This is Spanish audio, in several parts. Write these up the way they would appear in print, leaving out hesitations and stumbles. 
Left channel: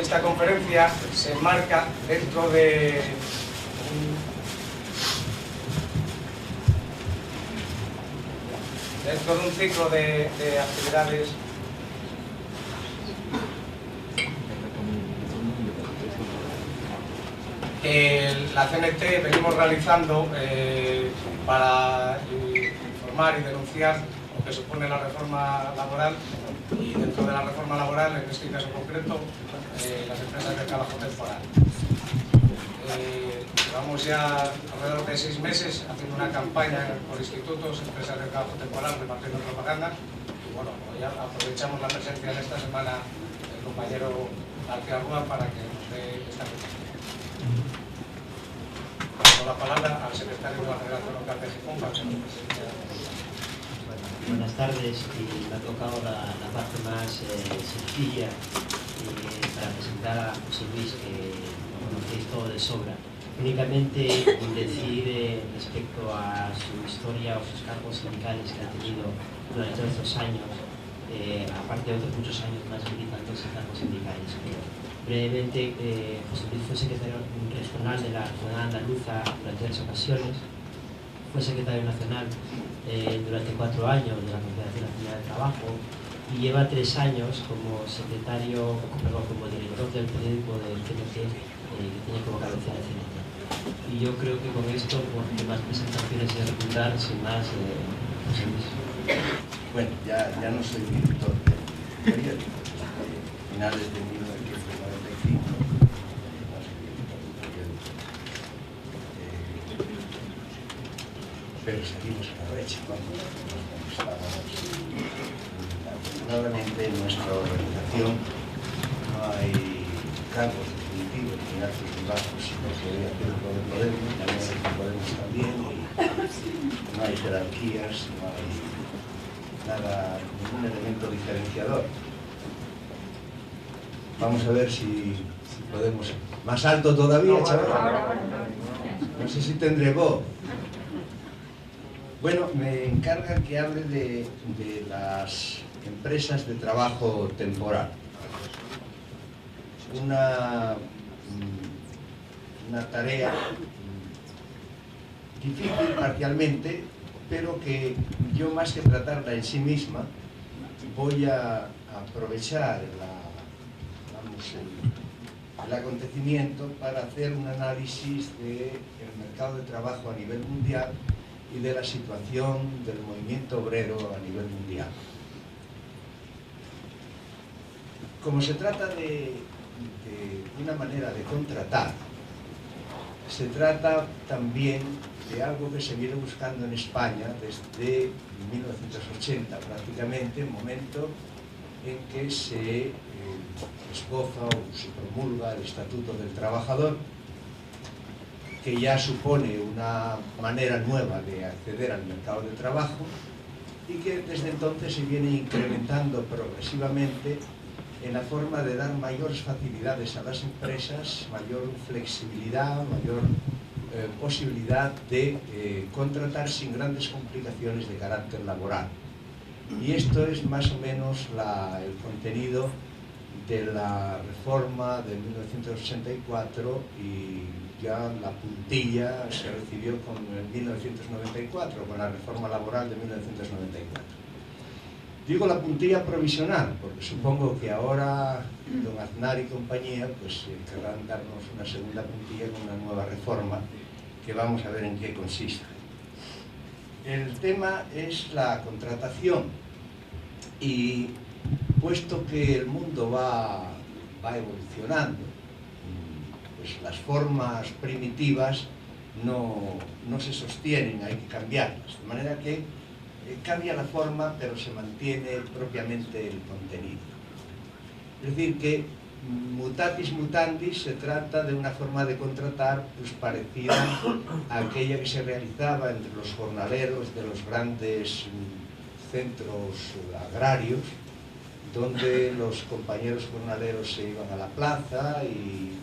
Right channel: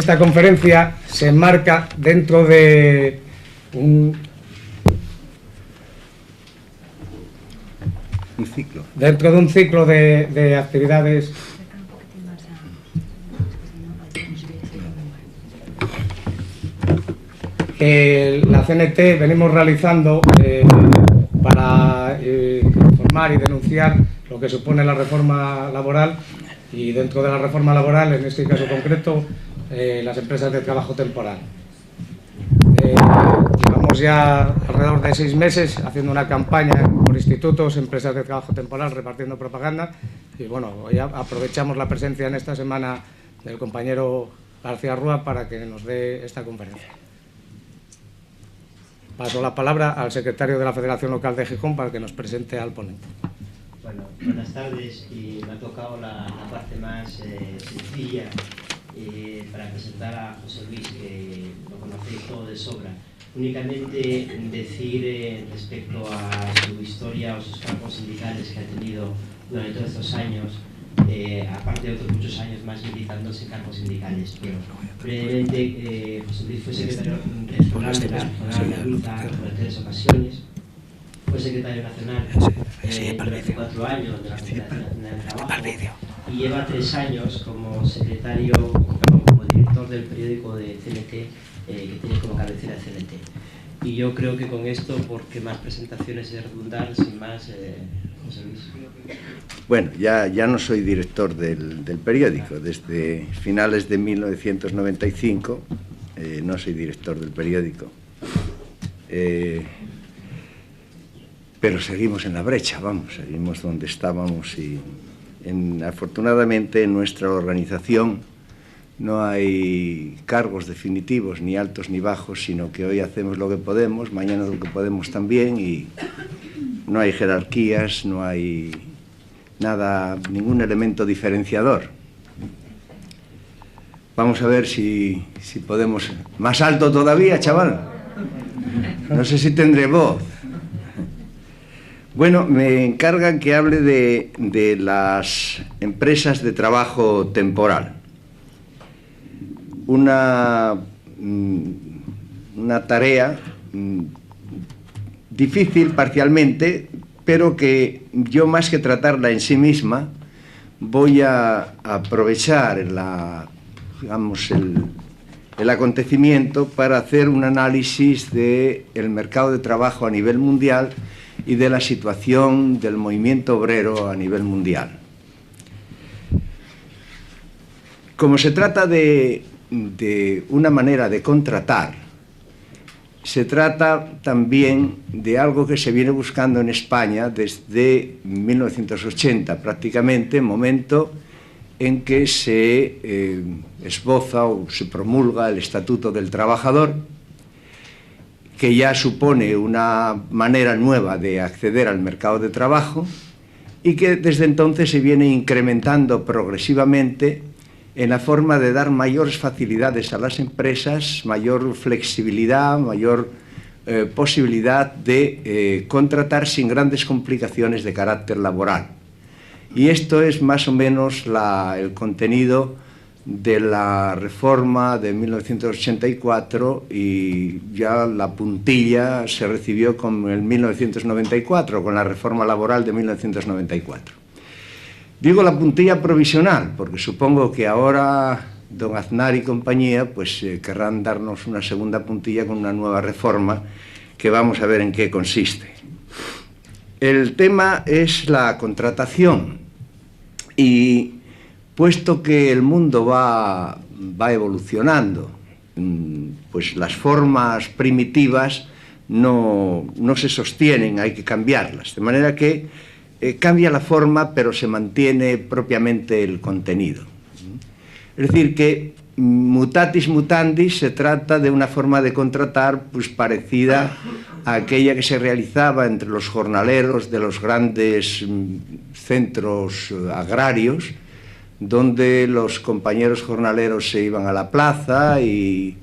esta conferencia se enmarca dentro de un ciclo de actividades que la CNT venimos realizando para informar y denunciar lo que supone la reforma laboral, y dentro de la reforma laboral, en este caso concreto, las empresas de trabajo temporal. Vamos ya alrededor de 6 meses haciendo una campaña con institutos, empresas de trabajo temporal, repartiendo propaganda, y bueno, hoy aprovechamos la presencia en esta semana del compañero García Rúa para que nos dé esta compañía. Paso la palabra al secretario de la Federación Local de Gijón para que nos presente al ponente. Buenas tardes, y me ha tocado la parte más sencilla para presentar a José Luis, que lo conocéis todo de sobra. Únicamente decir respecto a su historia o sus campos sindicales que ha tenido durante todos estos años, aparte de otros muchos años más militándose en campos sindicales. Pero brevemente, José Luis fue secretario regional de la Zona Andaluza durante 3 ocasiones. Fue secretario nacional durante 4 años de la Confederación Nacional de Trabajo y lleva 3 años como como director del periódico del CNT, que tiene como cabecera el CNT. Y yo creo que con esto, porque más presentaciones de redundar, sin más, Bueno, ya no soy director del periódico. Desde finales de 1995 no soy director del periódico. Pero seguimos en la brecha, vamos, seguimos donde estábamos, y afortunadamente en nuestra organización no hay cargos definitivos, ni altos ni bajos, sino que hoy hacemos lo que podemos, mañana lo que podemos también, y no hay jerarquías, no hay nada, ningún elemento diferenciador. Vamos a ver si podemos... ¿Más alto todavía, chaval? No sé si tendré voz. Bueno, me encargan que hable de las empresas de trabajo temporal. Una tarea difícil parcialmente, pero que yo, más que tratarla en sí misma, voy a aprovechar el acontecimiento para hacer un análisis del mercado de trabajo a nivel mundial y de la situación del movimiento obrero a nivel mundial. Como se trata de una manera de contratar, se trata también de algo que se viene buscando en España desde 1980, prácticamente, momento en que se esboza o se promulga el Estatuto del Trabajador, que ya supone una manera nueva de acceder al mercado de trabajo y que desde entonces se viene incrementando progresivamente en la forma de dar mayores facilidades a las empresas, mayor flexibilidad, mayor posibilidad de contratar sin grandes complicaciones de carácter laboral. Y esto es más o menos el contenido de la reforma de 1984, y ya la puntilla se recibió con el 1994, con la reforma laboral de 1994. Digo la puntilla provisional, porque supongo que ahora don Aznar y compañía pues querrán darnos una segunda puntilla con una nueva reforma que vamos a ver en qué consiste. El tema es la contratación, y puesto que el mundo va evolucionando, pues las formas primitivas no se sostienen, hay que cambiarlas, de manera que cambia la forma, pero se mantiene propiamente el contenido. Es decir, que mutatis mutandis se trata de una forma de contratar pues parecida a aquella que se realizaba entre los jornaleros de los grandes centros agrarios, donde los compañeros jornaleros se iban a la plaza y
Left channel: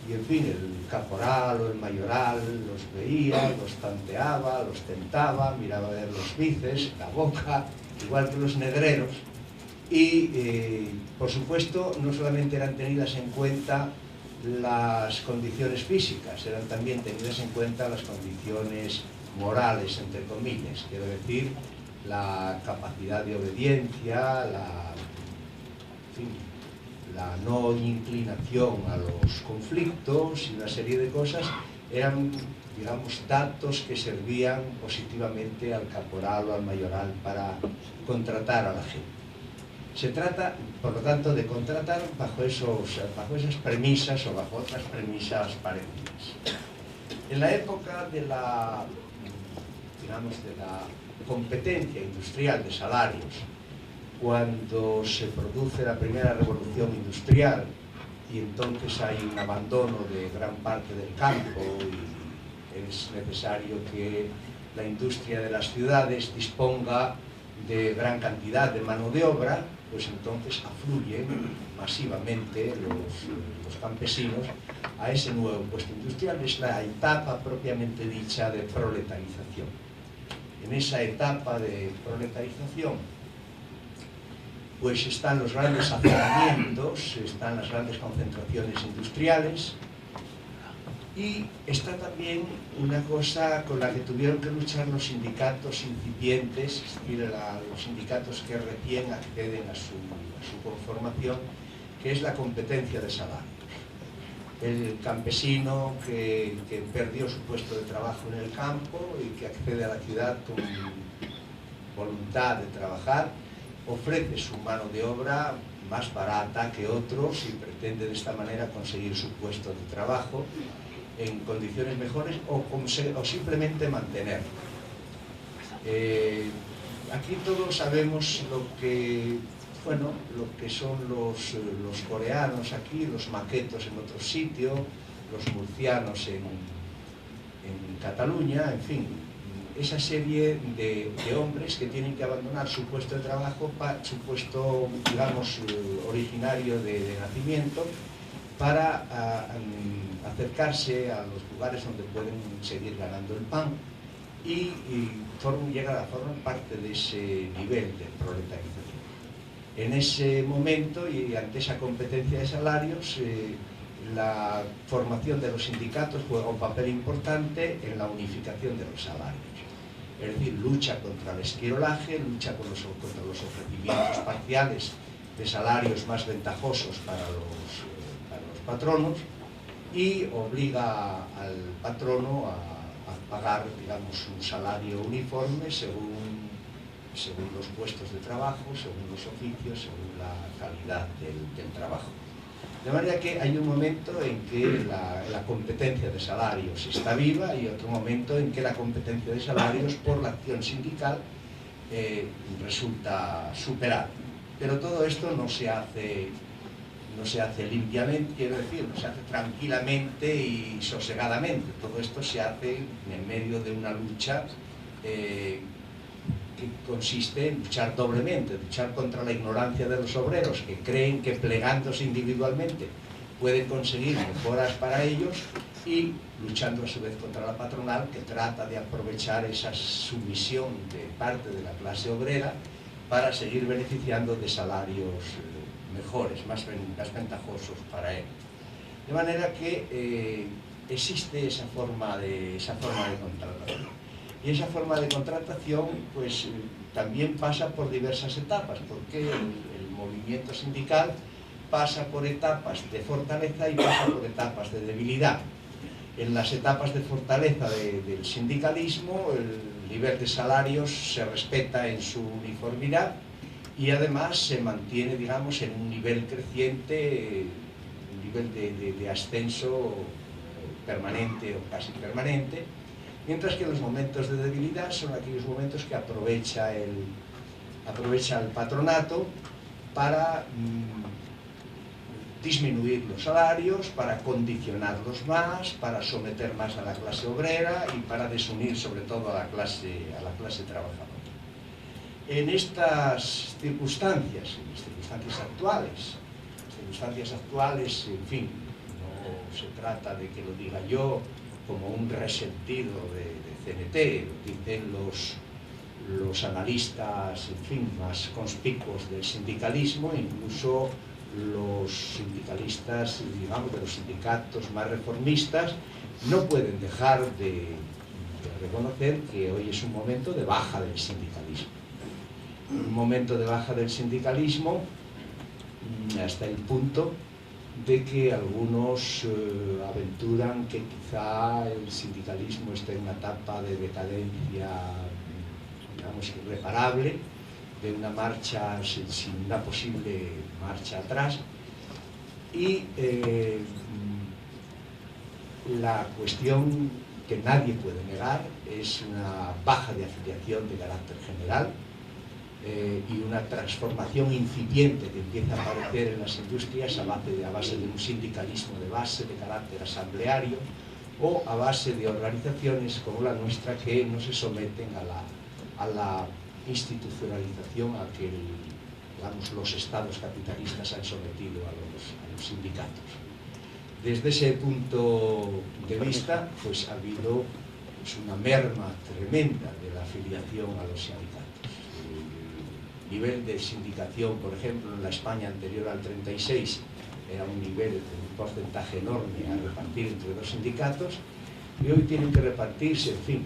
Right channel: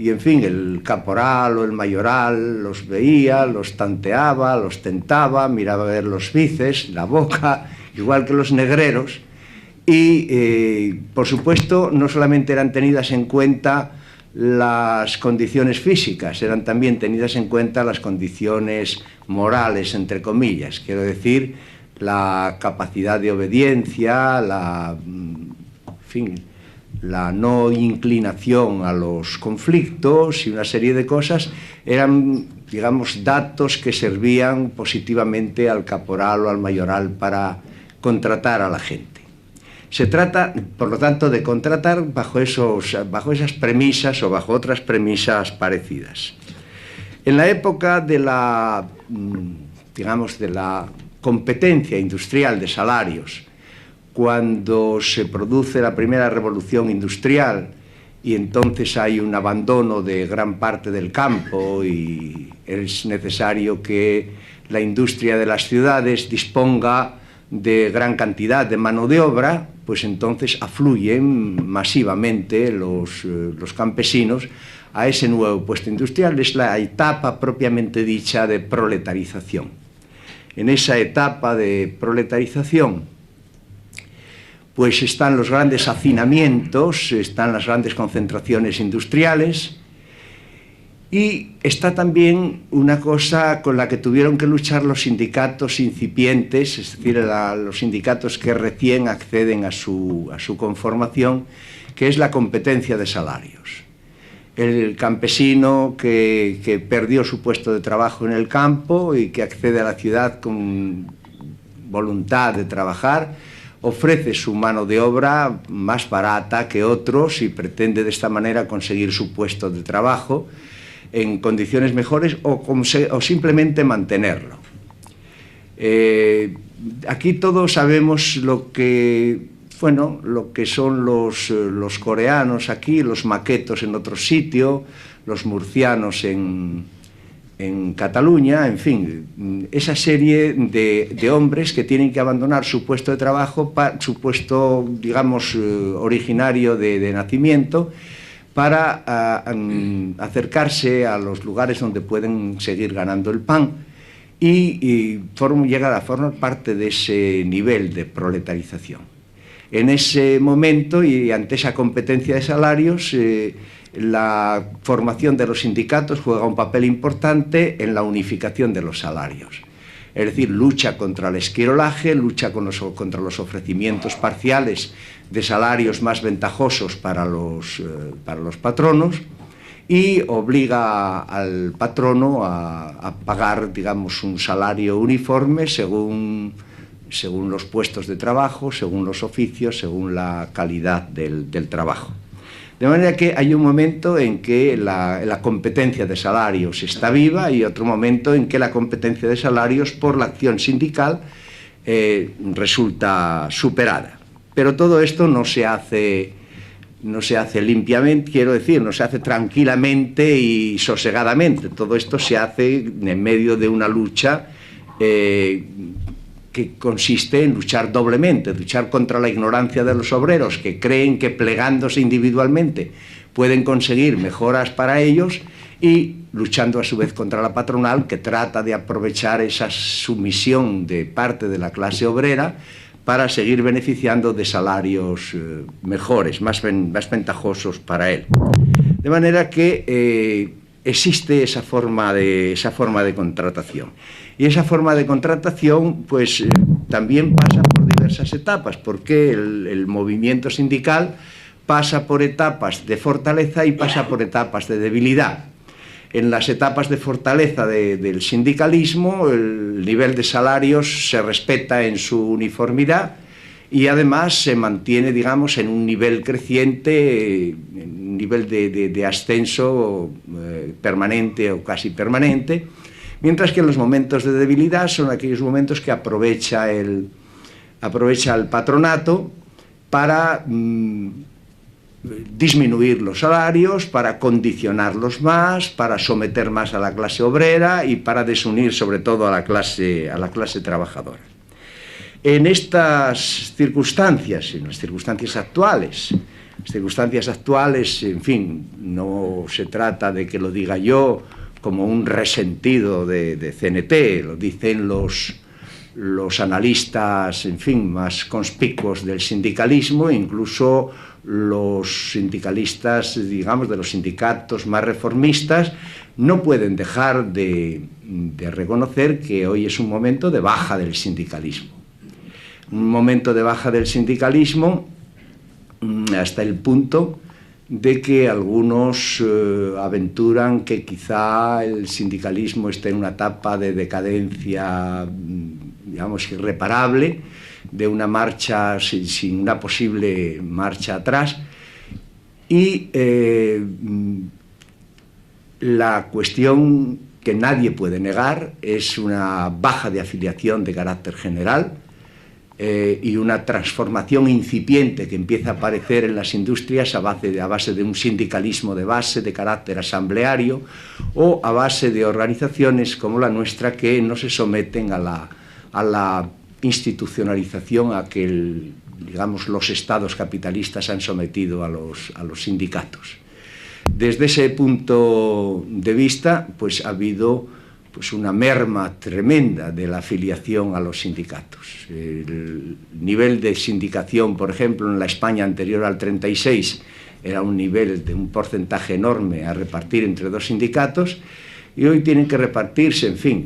en fin, el caporal o el mayoral los veía, los tanteaba, los tentaba, miraba a ver los bíceps, la boca, igual que los negreros, y, por supuesto, no solamente eran tenidas en cuenta las condiciones físicas, eran también tenidas en cuenta las condiciones morales, entre comillas, quiero decir, la capacidad de obediencia, en fin, la no inclinación a los conflictos y una serie de cosas eran, digamos, datos que servían positivamente al caporal o al mayoral para contratar a la gente. Se trata, por lo tanto, de contratar bajo esas premisas o bajo otras premisas parecidas. En la época de la, digamos, de la competencia industrial de salarios, cuando se produce la primera revolución industrial y entonces hay un abandono de gran parte del campo y es necesario que la industria de las ciudades disponga de gran cantidad de mano de obra, pues entonces afluyen masivamente los campesinos a ese nuevo puesto industrial. Es la etapa propiamente dicha de proletarización. En esa etapa de proletarización pues están los grandes hacinamientos, están las grandes concentraciones industriales y está también una cosa con la que tuvieron que luchar los sindicatos incipientes, es decir, los sindicatos que recién acceden a su conformación, que es la competencia de salarios. El campesino que perdió su puesto de trabajo en el campo y que accede a la ciudad con voluntad de trabajar, ofrece su mano de obra más barata que otros y pretende de esta manera conseguir su puesto de trabajo en condiciones mejores o simplemente mantenerlo. Aquí todos sabemos lo que son los coreanos aquí, los maquetos en otro sitio, los murcianos en Cataluña, en fin, esa serie de hombres que tienen que abandonar su puesto de trabajo, su puesto, digamos, originario de nacimiento, para acercarse a los lugares donde pueden seguir ganando el pan y llegar a formar parte de ese nivel de proletarización. En ese momento y ante esa competencia de salarios, la formación de los sindicatos juega un papel importante en la unificación de los salarios. Es decir, lucha contra el esquirolaje, lucha contra los ofrecimientos parciales de salarios más ventajosos para los patronos y obliga al patrono a pagar, digamos, un salario uniforme según los puestos de trabajo, según los oficios, según la calidad del trabajo. De manera que hay un momento en que la competencia de salarios está viva y otro momento en que la competencia de salarios por la acción sindical resulta superada. Pero todo esto no se hace limpiamente, quiero decir, no se hace tranquilamente y sosegadamente. Todo esto se hace en medio de una lucha que consiste en luchar doblemente, luchar contra la ignorancia de los obreros que creen que plegándose individualmente pueden conseguir mejoras para ellos y luchando a su vez contra la patronal que trata de aprovechar esa sumisión de parte de la clase obrera para seguir beneficiando de salarios mejores, más ventajosos para él. De manera que existe esa forma de contratación. Y esa forma de contratación pues, también pasa por diversas etapas, porque el movimiento sindical pasa por etapas de fortaleza y pasa por etapas de debilidad. En las etapas de fortaleza del sindicalismo, el nivel de salarios se respeta en su uniformidad y además se mantiene, digamos, en un nivel creciente, un nivel de ascenso permanente o casi permanente, mientras que en los momentos de debilidad son aquellos momentos que aprovecha el patronato para disminuir los salarios, para condicionarlos más, para someter más a la clase obrera y para desunir sobre todo a la clase trabajadora. En estas circunstancias, en las circunstancias actuales, en fin, no se trata de que lo diga yo como un resentido de CNT, lo dicen los los analistas, en fin, más conspicuos del sindicalismo, incluso los sindicalistas, digamos, de los sindicatos más reformistas, no pueden dejar de reconocer que hoy es un momento de baja del sindicalismo. Un momento de baja del sindicalismo hasta el punto de que algunos aventuran que quizá el sindicalismo esté en una etapa de decadencia, digamos, irreparable, de una marcha sin una posible marcha atrás. Y la cuestión que nadie puede negar es una baja de afiliación de carácter general y una transformación incipiente que empieza a aparecer en las industrias a base de un sindicalismo de base, de carácter asambleario, o a base de organizaciones como la nuestra que no se someten a la institucionalización a que digamos, los estados capitalistas han sometido a los sindicatos. Desde ese punto de vista, pues ha habido una merma tremenda de la afiliación a los sindicatos. El nivel de sindicación, por ejemplo, en la España anterior al 36, era un nivel de un porcentaje enorme a repartir entre dos sindicatos, y hoy tienen que repartirse, en fin,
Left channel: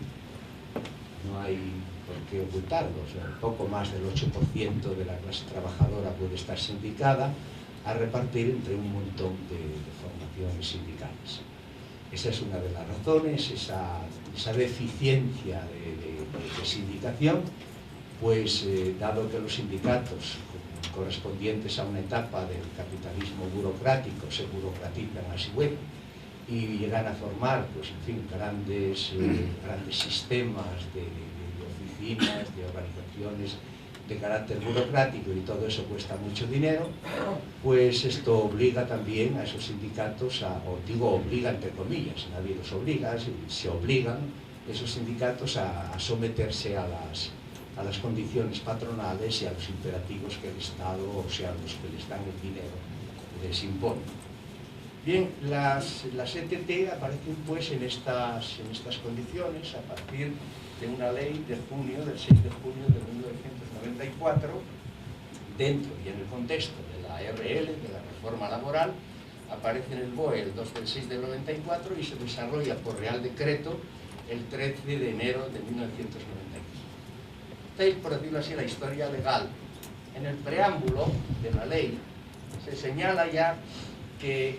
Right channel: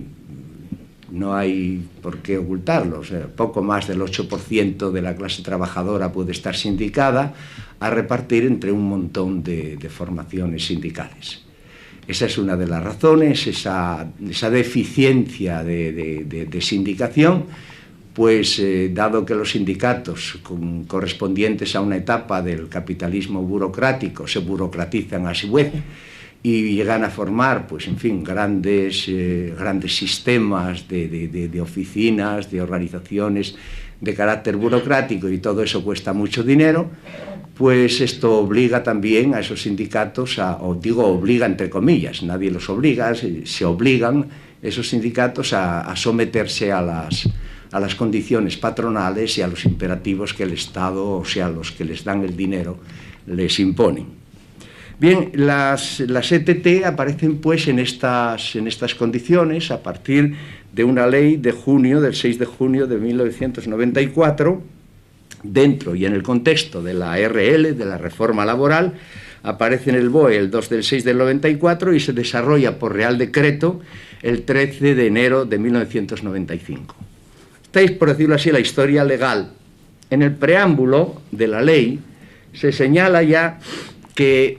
no hay por qué ocultarlo, o sea, poco más del 8% de la clase trabajadora puede estar sindicada, a repartir entre un montón de formaciones sindicales. Esa es una de las razones, esa deficiencia de sindicación, pues dado que los sindicatos correspondientes a una etapa del capitalismo burocrático se burocratizan a su vez y llegan a formar, pues en fin, grandes sistemas de oficinas, de organizaciones de carácter burocrático, y todo eso cuesta mucho dinero, pues esto obliga también a esos sindicatos, obliga entre comillas, nadie los obliga, se obligan esos sindicatos a someterse a las condiciones patronales y a los imperativos que el Estado, o sea, los que les dan el dinero, les imponen. Bien, las ETT aparecen pues en estas condiciones a partir de una ley del 6 de junio de 1994, dentro y en el contexto de la RL, de la reforma laboral. Aparece en el BOE el 2 del 6 del 94 y se desarrolla por Real Decreto el 13 de enero de 1995. Esta es, por decirlo así, la historia legal. En el preámbulo de la ley se señala ya que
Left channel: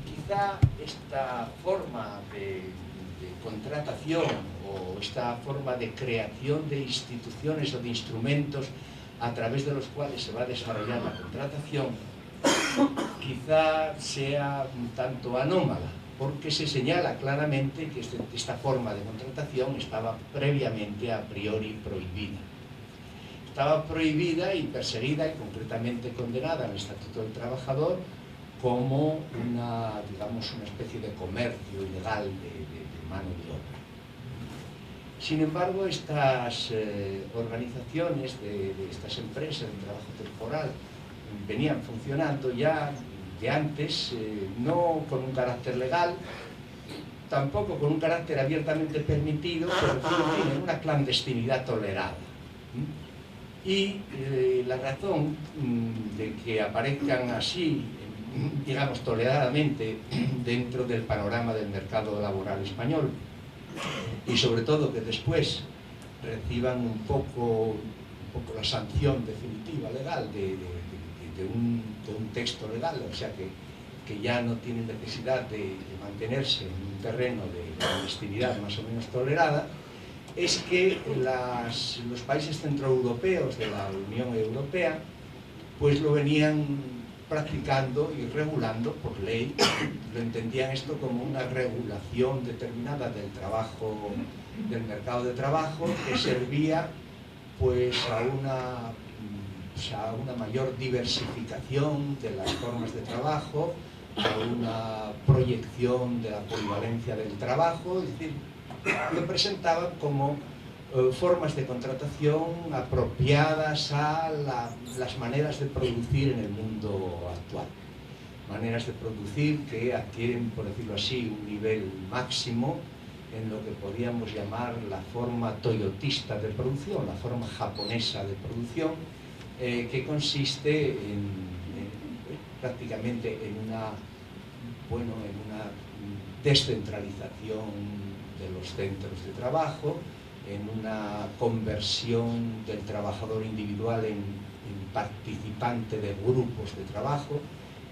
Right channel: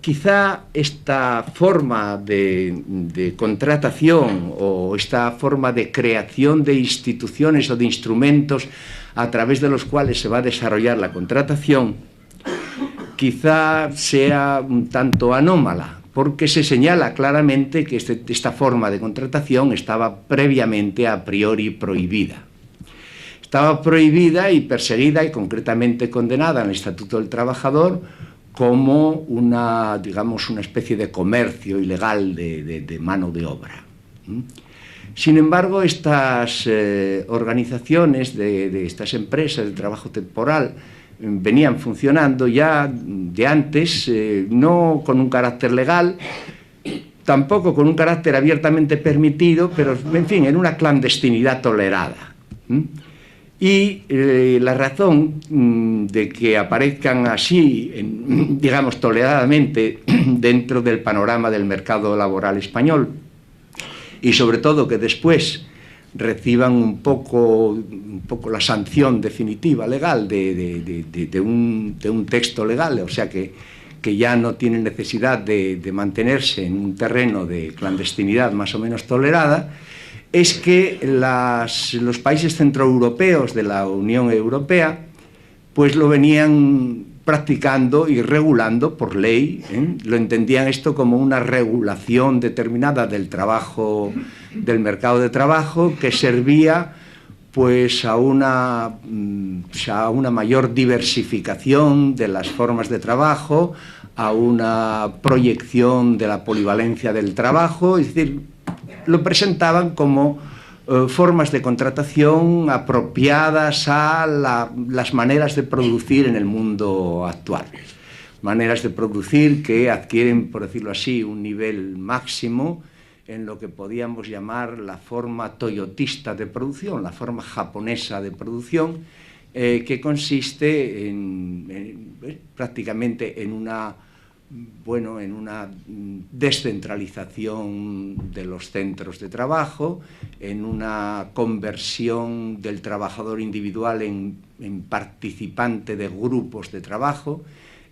quizá esta forma de contratación o esta forma de creación de instituciones o de instrumentos a través de los cuales se va a desarrollar la contratación quizá sea un tanto anómala, porque se señala claramente que esta forma de contratación estaba previamente a priori prohibida. Estaba prohibida y perseguida y concretamente condenada en el Estatuto del Trabajador como una especie de comercio ilegal de mano de obra. Sin embargo, estas organizaciones de estas empresas de trabajo temporal venían funcionando ya de antes, no con un carácter legal, tampoco con un carácter abiertamente permitido, pero en fin, en una clandestinidad tolerada. Y la razón de que aparezcan así, digamos, toleradamente dentro del panorama del mercado laboral español, y sobre todo que después reciban un poco la sanción definitiva legal de un texto legal, o sea que ya no tienen necesidad de mantenerse en un terreno de clandestinidad más o menos tolerada, es que los países centroeuropeos de la Unión Europea pues lo venían practicando y regulando por ley, lo entendían esto como una regulación determinada del trabajo, del mercado de trabajo, que servía pues a una mayor diversificación de las formas de trabajo, a una proyección de la polivalencia del trabajo, es decir, lo presentaban como formas de contratación apropiadas a las maneras de producir en el mundo actual. Maneras de producir que adquieren, por decirlo así, un nivel máximo en lo que podíamos llamar la forma toyotista de producción, la forma japonesa de producción, que consiste prácticamente en una descentralización de los centros de trabajo, en una conversión del trabajador individual en participante de grupos de trabajo,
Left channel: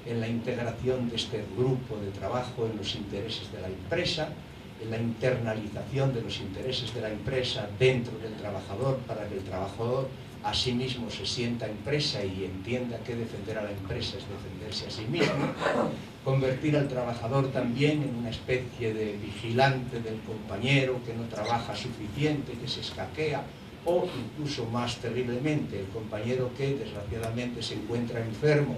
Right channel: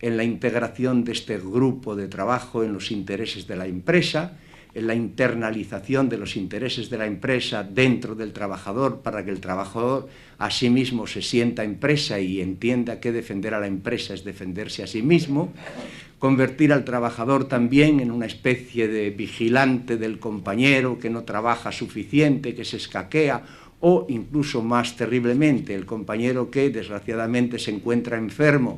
en la integración de este grupo de trabajo en los intereses de la empresa, en la internalización de los intereses de la empresa dentro del trabajador para que el trabajador a sí mismo se sienta empresa y entienda que defender a la empresa es defenderse a sí mismo, convertir al trabajador también en una especie de vigilante del compañero que no trabaja suficiente, que se escaquea, o incluso más terriblemente el compañero que desgraciadamente se encuentra enfermo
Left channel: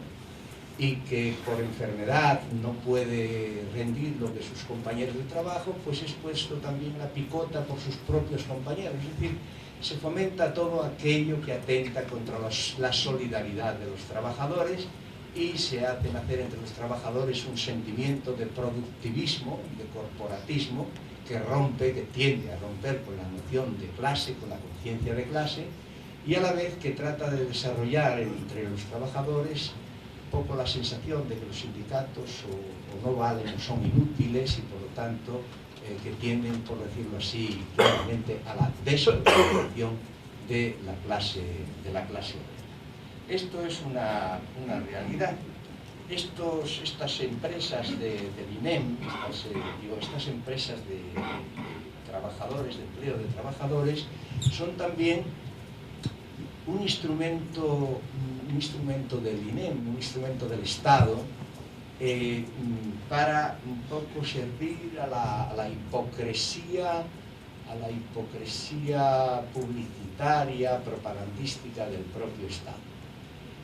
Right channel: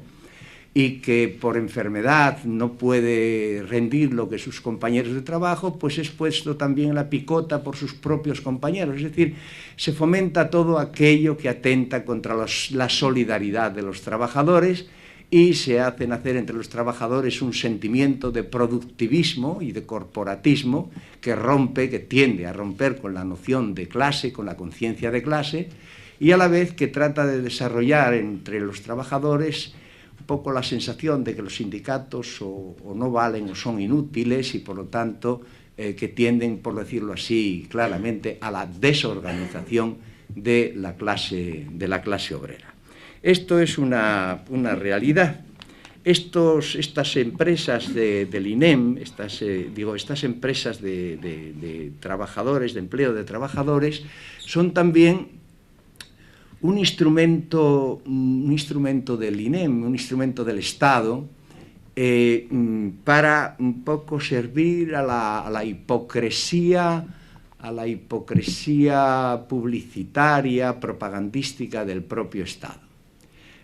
y que por enfermedad no puede rendir lo que sus compañeros de trabajo, pues es puesto también en la picota por sus propios compañeros. Es decir, se fomenta todo aquello que atenta contra la solidaridad de los trabajadores y se hace nacer entre los trabajadores un sentimiento de productivismo y de corporatismo que tiende a romper con la noción de clase, con la conciencia de clase, y a la vez que trata de desarrollar entre los trabajadores un poco la sensación de que los sindicatos o no valen o son inútiles y por lo tanto que tienden, por decirlo así claramente, a la desorganización de la clase obrera. Esto es una realidad. Estas empresas del INEM, estas empresas de trabajadores, de empleo de trabajadores, son también un instrumento del INEM, un instrumento del Estado, para un poco servir a la hipocresía publicitaria, propagandística del propio Estado.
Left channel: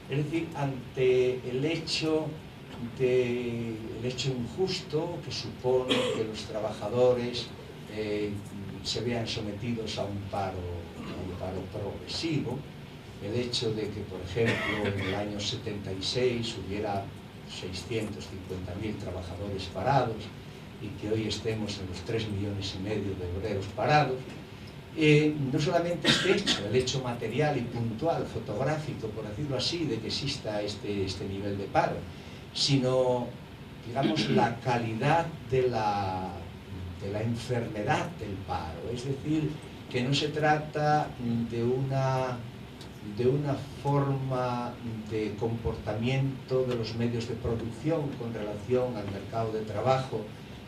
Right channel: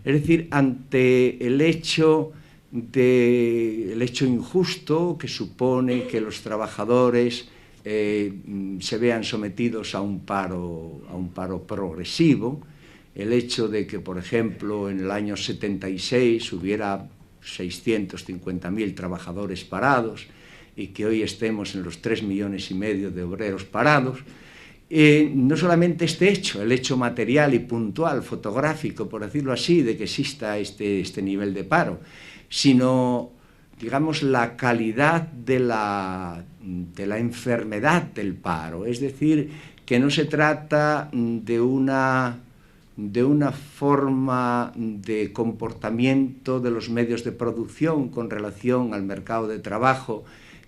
Es decir, ante el hecho injusto que supone que los trabajadores se vean sometidos a un paro progresivo, el hecho de que, por ejemplo, en el año 76 hubiera 650.000 trabajadores parados y que hoy estemos en los 3,5 millones de obreros parados, no solamente este hecho, el hecho material y puntual, fotográfico, por decirlo así, de que exista este nivel de paro, sino, digamos, la calidad de la enfermedad del paro. Es decir, que no se trata de una forma de comportamiento de los medios de producción con relación al mercado de trabajo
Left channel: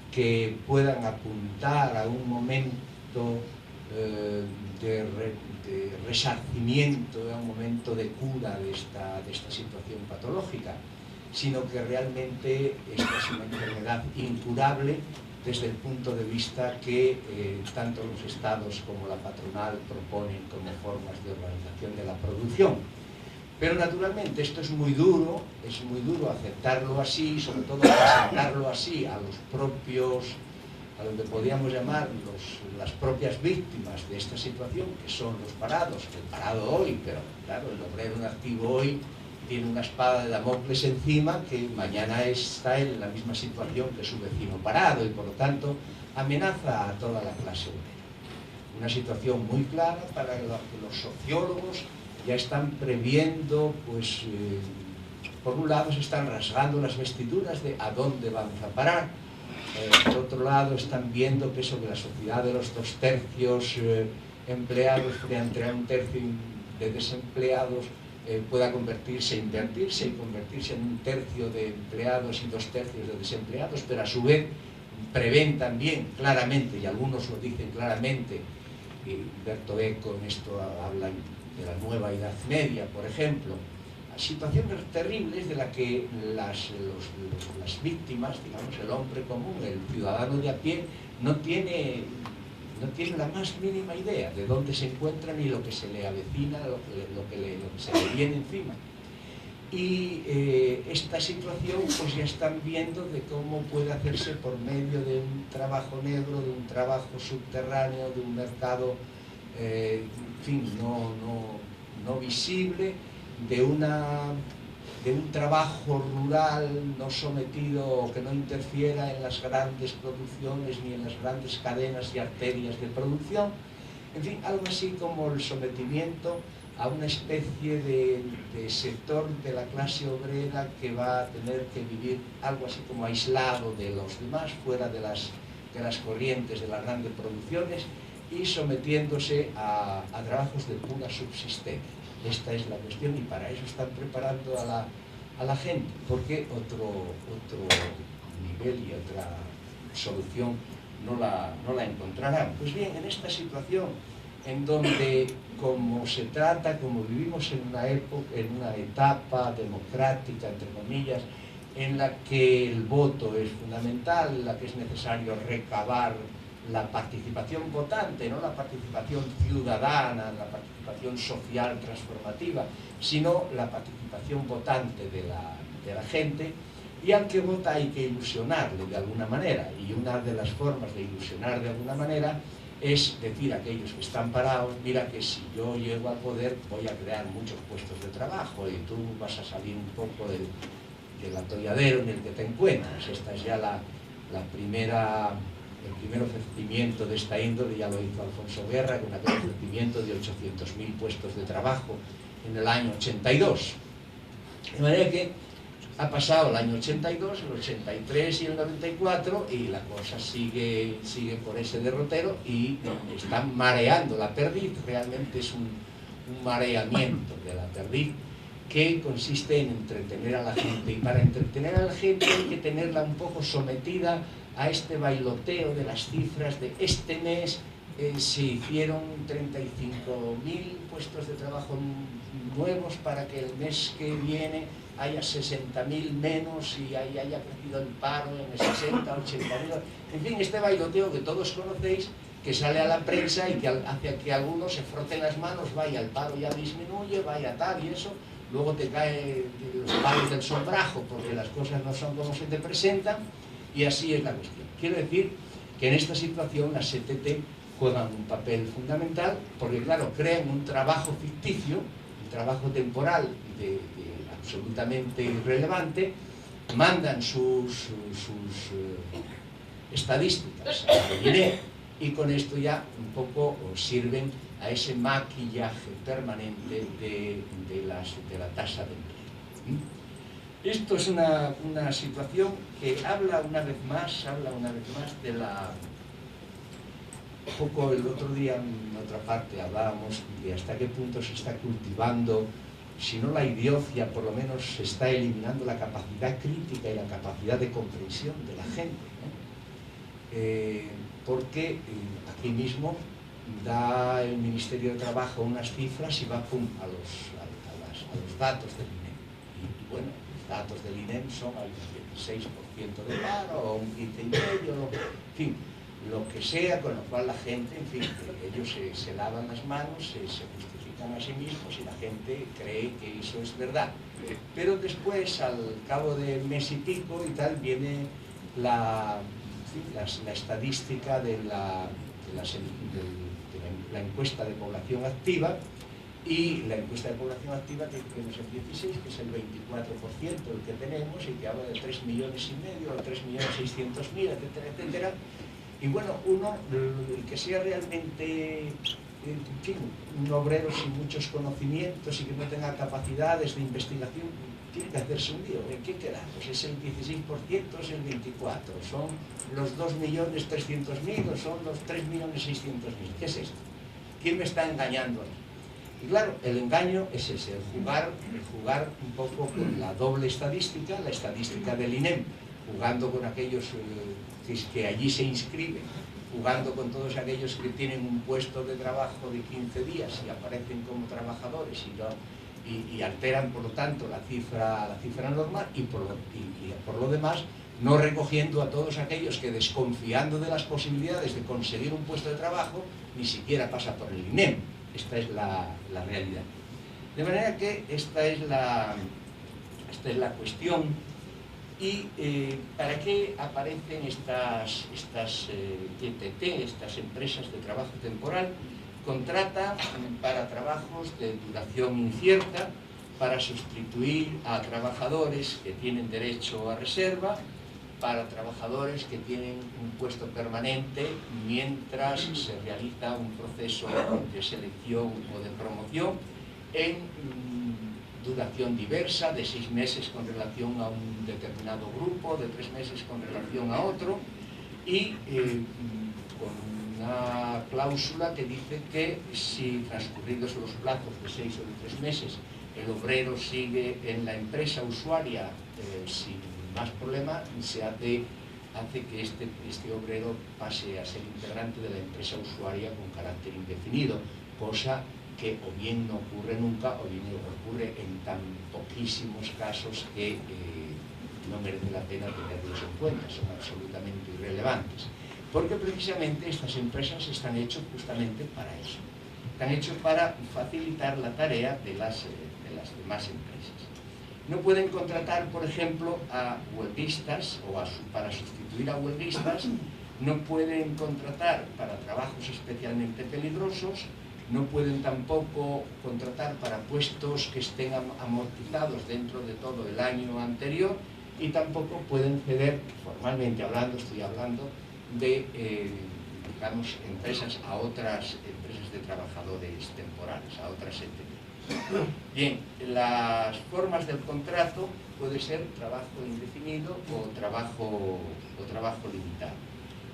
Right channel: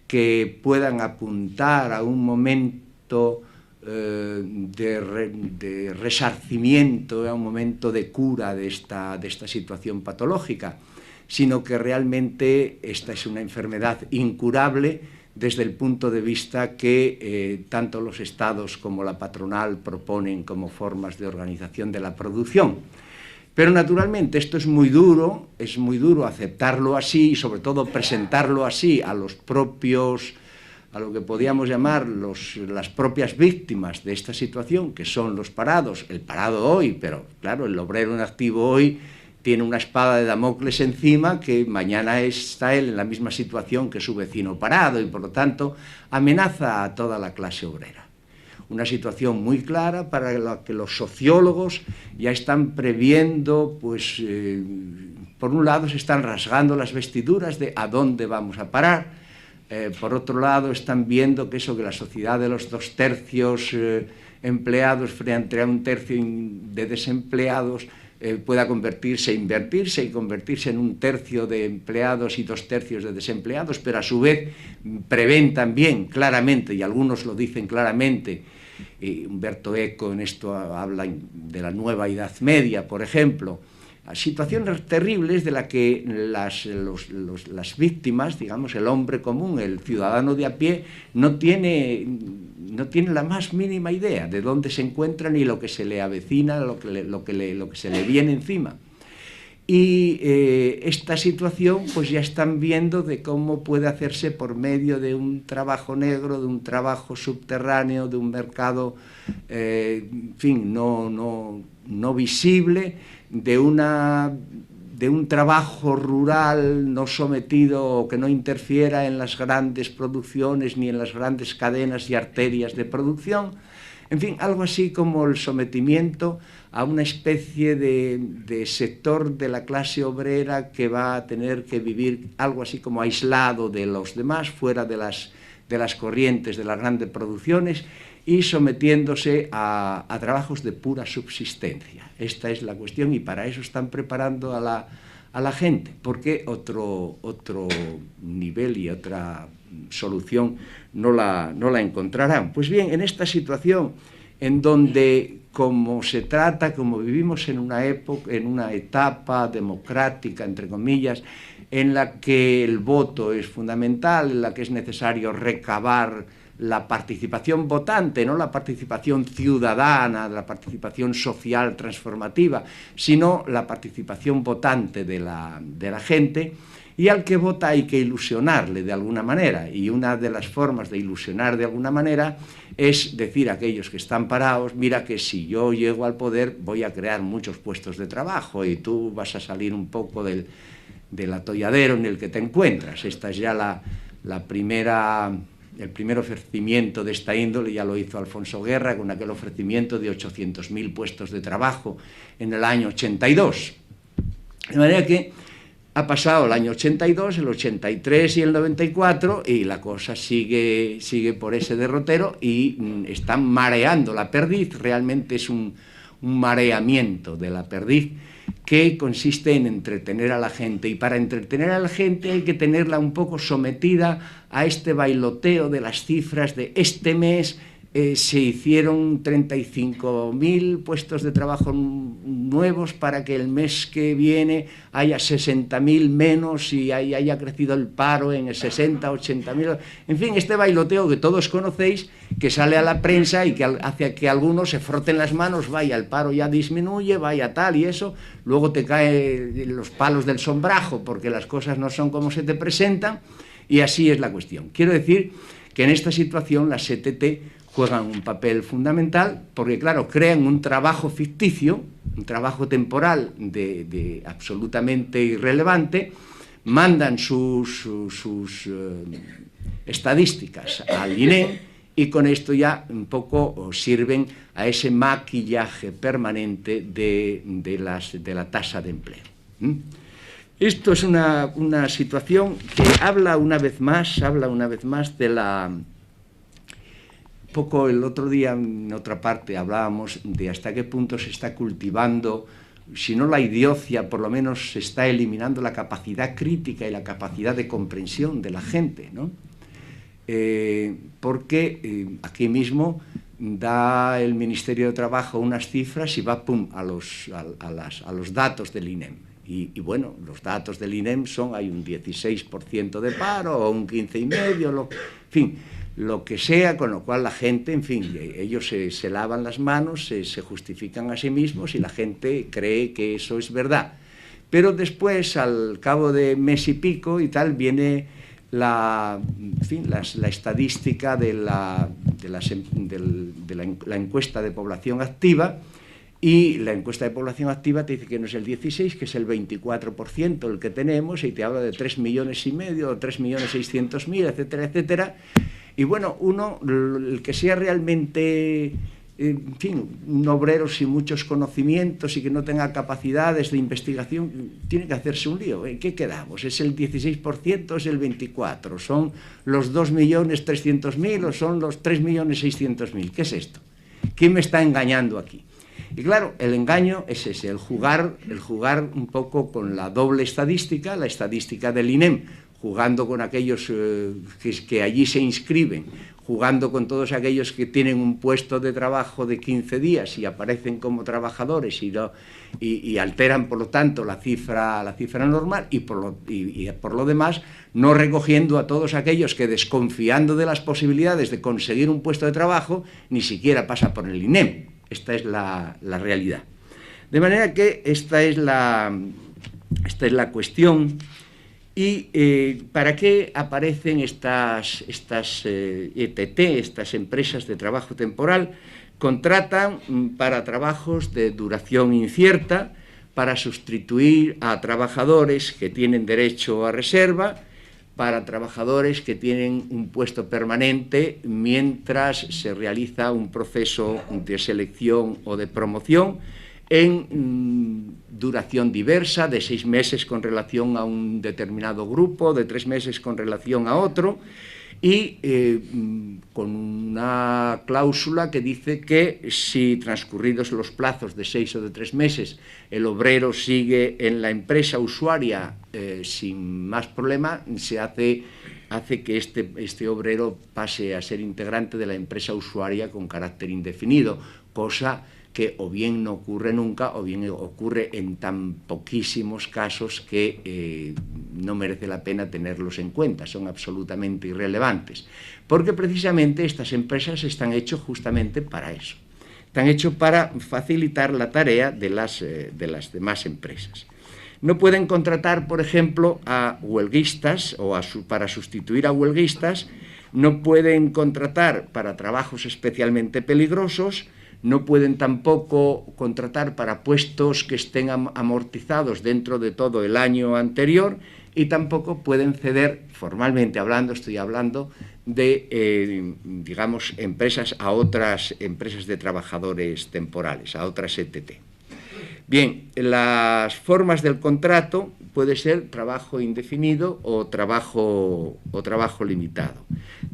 que puedan apuntar a un momento de resarcimiento, a un momento de cura de esta situación patológica, sino que realmente esta es una enfermedad incurable desde el punto de vista que tanto los estados como la patronal proponen como formas de organización de la producción. Pero naturalmente esto es muy duro aceptarlo así y sobre todo presentarlo así a lo que podríamos llamar las propias víctimas de esta situación, que son los parados, el parado hoy, pero claro, el obrero en activo hoy tiene una espada de Damocles encima que mañana está él en la misma situación que su vecino parado y por lo tanto amenaza a toda la clase obrera. Una situación muy clara para la que los sociólogos ya están previendo, pues por un lado se están rasgando las vestiduras de a dónde vamos a parar, por otro lado están viendo que la sociedad de los 2/3 empleados frente a 1/3 de desempleados pueda invertirse y convertirse en 1/3 de empleados y 2/3 de desempleados, pero a su vez prevén también claramente, y algunos lo dicen claramente, Umberto Eco en esto habla de la nueva Edad Media, por ejemplo, a situaciones terribles de las que las víctimas, digamos, el hombre común, el ciudadano de a pie, no tiene la más mínima idea de dónde se encuentra ni lo que se le avecina, lo que se le viene encima. Y esta situación pues ya están viendo de cómo puede hacerse por medio de un trabajo negro, de un trabajo subterráneo, de un mercado, en fin, no visible, de una un trabajo rural no sometido o que no interfiera en las grandes producciones ni en las grandes cadenas y arterias de producción. En fin, algo así como el sometimiento a una especie de sector de la clase obrera que va a tener que vivir algo así como aislado de los demás, fuera de las corrientes de las grandes producciones y sometiéndose a trabajos de pura subsistencia. Esta es la cuestión y para eso están preparando a la gente, porque otro nivel y otra solución no la encontrarán. Pues bien, en esta situación en donde, como se trata, como vivimos en una época, en una etapa democrática, entre comillas, en la que el voto es fundamental, en la que es necesario recabar la participación votante, no la participación ciudadana, la participación social transformativa, sino la participación votante de la gente, y al que vota hay que ilusionarle de alguna manera, y una de las formas de ilusionar de alguna manera es decir a aquellos que están parados, mira que si yo llego al poder voy a crear muchos puestos de trabajo y tú vas a salir un poco del atolladero en el que te encuentras. Esta es ya el primer ofrecimiento de esta índole, ya lo hizo Alfonso Guerra con aquel ofrecimiento de 800.000 puestos de trabajo en el año 82. De manera que ha pasado el año 82, el 83 y el 94 y la cosa sigue por ese derrotero y están mareando la perdiz. Realmente es un mareamiento de la perdiz que consiste en entretener a la gente, y para entretener a la gente hay que tenerla un poco sometida a este bailoteo de las cifras de este mes. Se hicieron 35.000 puestos de trabajo nuevos para que el mes que viene haya 60.000 menos y haya crecido el paro en 60, 80.000. En fin, este bailoteo que todos conocéis, que sale a la prensa y que hace que algunos se froten las manos, vaya, el paro ya disminuye, vaya tal y eso, luego te caen los palos del sombrajo porque las cosas no son como se te presentan, y así es la cuestión. Quiero decir que en esta situación las CTT juegan un papel fundamental porque, claro, crean un trabajo ficticio, un trabajo temporal absolutamente irrelevante, mandan sus estadísticas al INE y con esto ya un poco sirven a ese maquillaje permanente de la tasa de empleo. Esto es una situación que habla una vez más de la... Un poco el otro día en otra parte hablábamos de hasta qué punto se está cultivando, si no la idiocia, por lo menos se está eliminando la capacidad crítica y la capacidad de comprensión de la gente, ¿no? Porque aquí mismo da el Ministerio de Trabajo unas cifras y va pum a los datos del INEM. Y bueno, los datos del INEM hay un 16% de paro o un 15,5%, en fin, lo que sea, con lo cual la gente, en fin, ellos se lavan las manos, se justifican a sí mismos y la gente cree que eso es verdad. Pero después, al cabo de mes y pico y tal, viene la estadística de la encuesta de población activa, y la encuesta de población activa te dice que no es el 16, que es el 24% el que tenemos, y te habla de 3,5 millones o 3.600.000, etcétera, etcétera. Y bueno, uno, el que sea realmente, en fin, un obrero sin muchos conocimientos y que no tenga capacidades de investigación, tiene que hacerse un lío. ¿En qué quedamos? ¿Es el 16%? ¿Es el 24%? ¿Son los 2.300.000 o son los 3.600.000? ¿Qué es esto? ¿Quién me está engañando aquí? Y claro, el engaño es ese, el jugar un poco con la doble estadística, la estadística del INEM, jugando con aquellos que allí se inscriben, jugando con todos aquellos que tienen un puesto de trabajo de 15 días y aparecen como trabajadores y alteran, por lo tanto, la cifra normal, y por lo demás no recogiendo a todos aquellos que, desconfiando de las posibilidades de conseguir un puesto de trabajo, ni siquiera pasa por el INEM. Esta es la realidad. De manera que esta es la cuestión. ¿Y para qué aparecen estas ETT, estas empresas de trabajo temporal? Contratan para trabajos de duración incierta, para sustituir a trabajadores que tienen derecho a reserva, para trabajadores que tienen un puesto permanente mientras se realiza un proceso de selección o de promoción en duración diversa, de 6 meses con relación a un determinado grupo, de 3 meses con relación a otro, y con una cláusula que dice que si transcurridos los plazos de 6 o de 3 meses el obrero sigue en la empresa usuaria sin más problema, se hace que este obrero pase a ser integrante de la empresa usuaria con carácter indefinido, cosa que o bien no ocurre nunca o bien ocurre en tan poquísimos casos que no merece la pena tenerlos en cuenta, son absolutamente irrelevantes, porque precisamente estas empresas están hechas justamente para eso. Están hechos para facilitar la tarea de las demás empresas. No pueden contratar, por ejemplo, a huelguistas o para sustituir a huelguistas, no pueden contratar para trabajos especialmente peligrosos, no pueden tampoco contratar para puestos que estén amortizados dentro de todo el año anterior y tampoco pueden ceder, formalmente hablando, estoy hablando, de, digamos, empresas a otras empresas de trabajadores temporales, a otras ETT. Bien, las formas del contrato puede ser trabajo indefinido o trabajo limitado.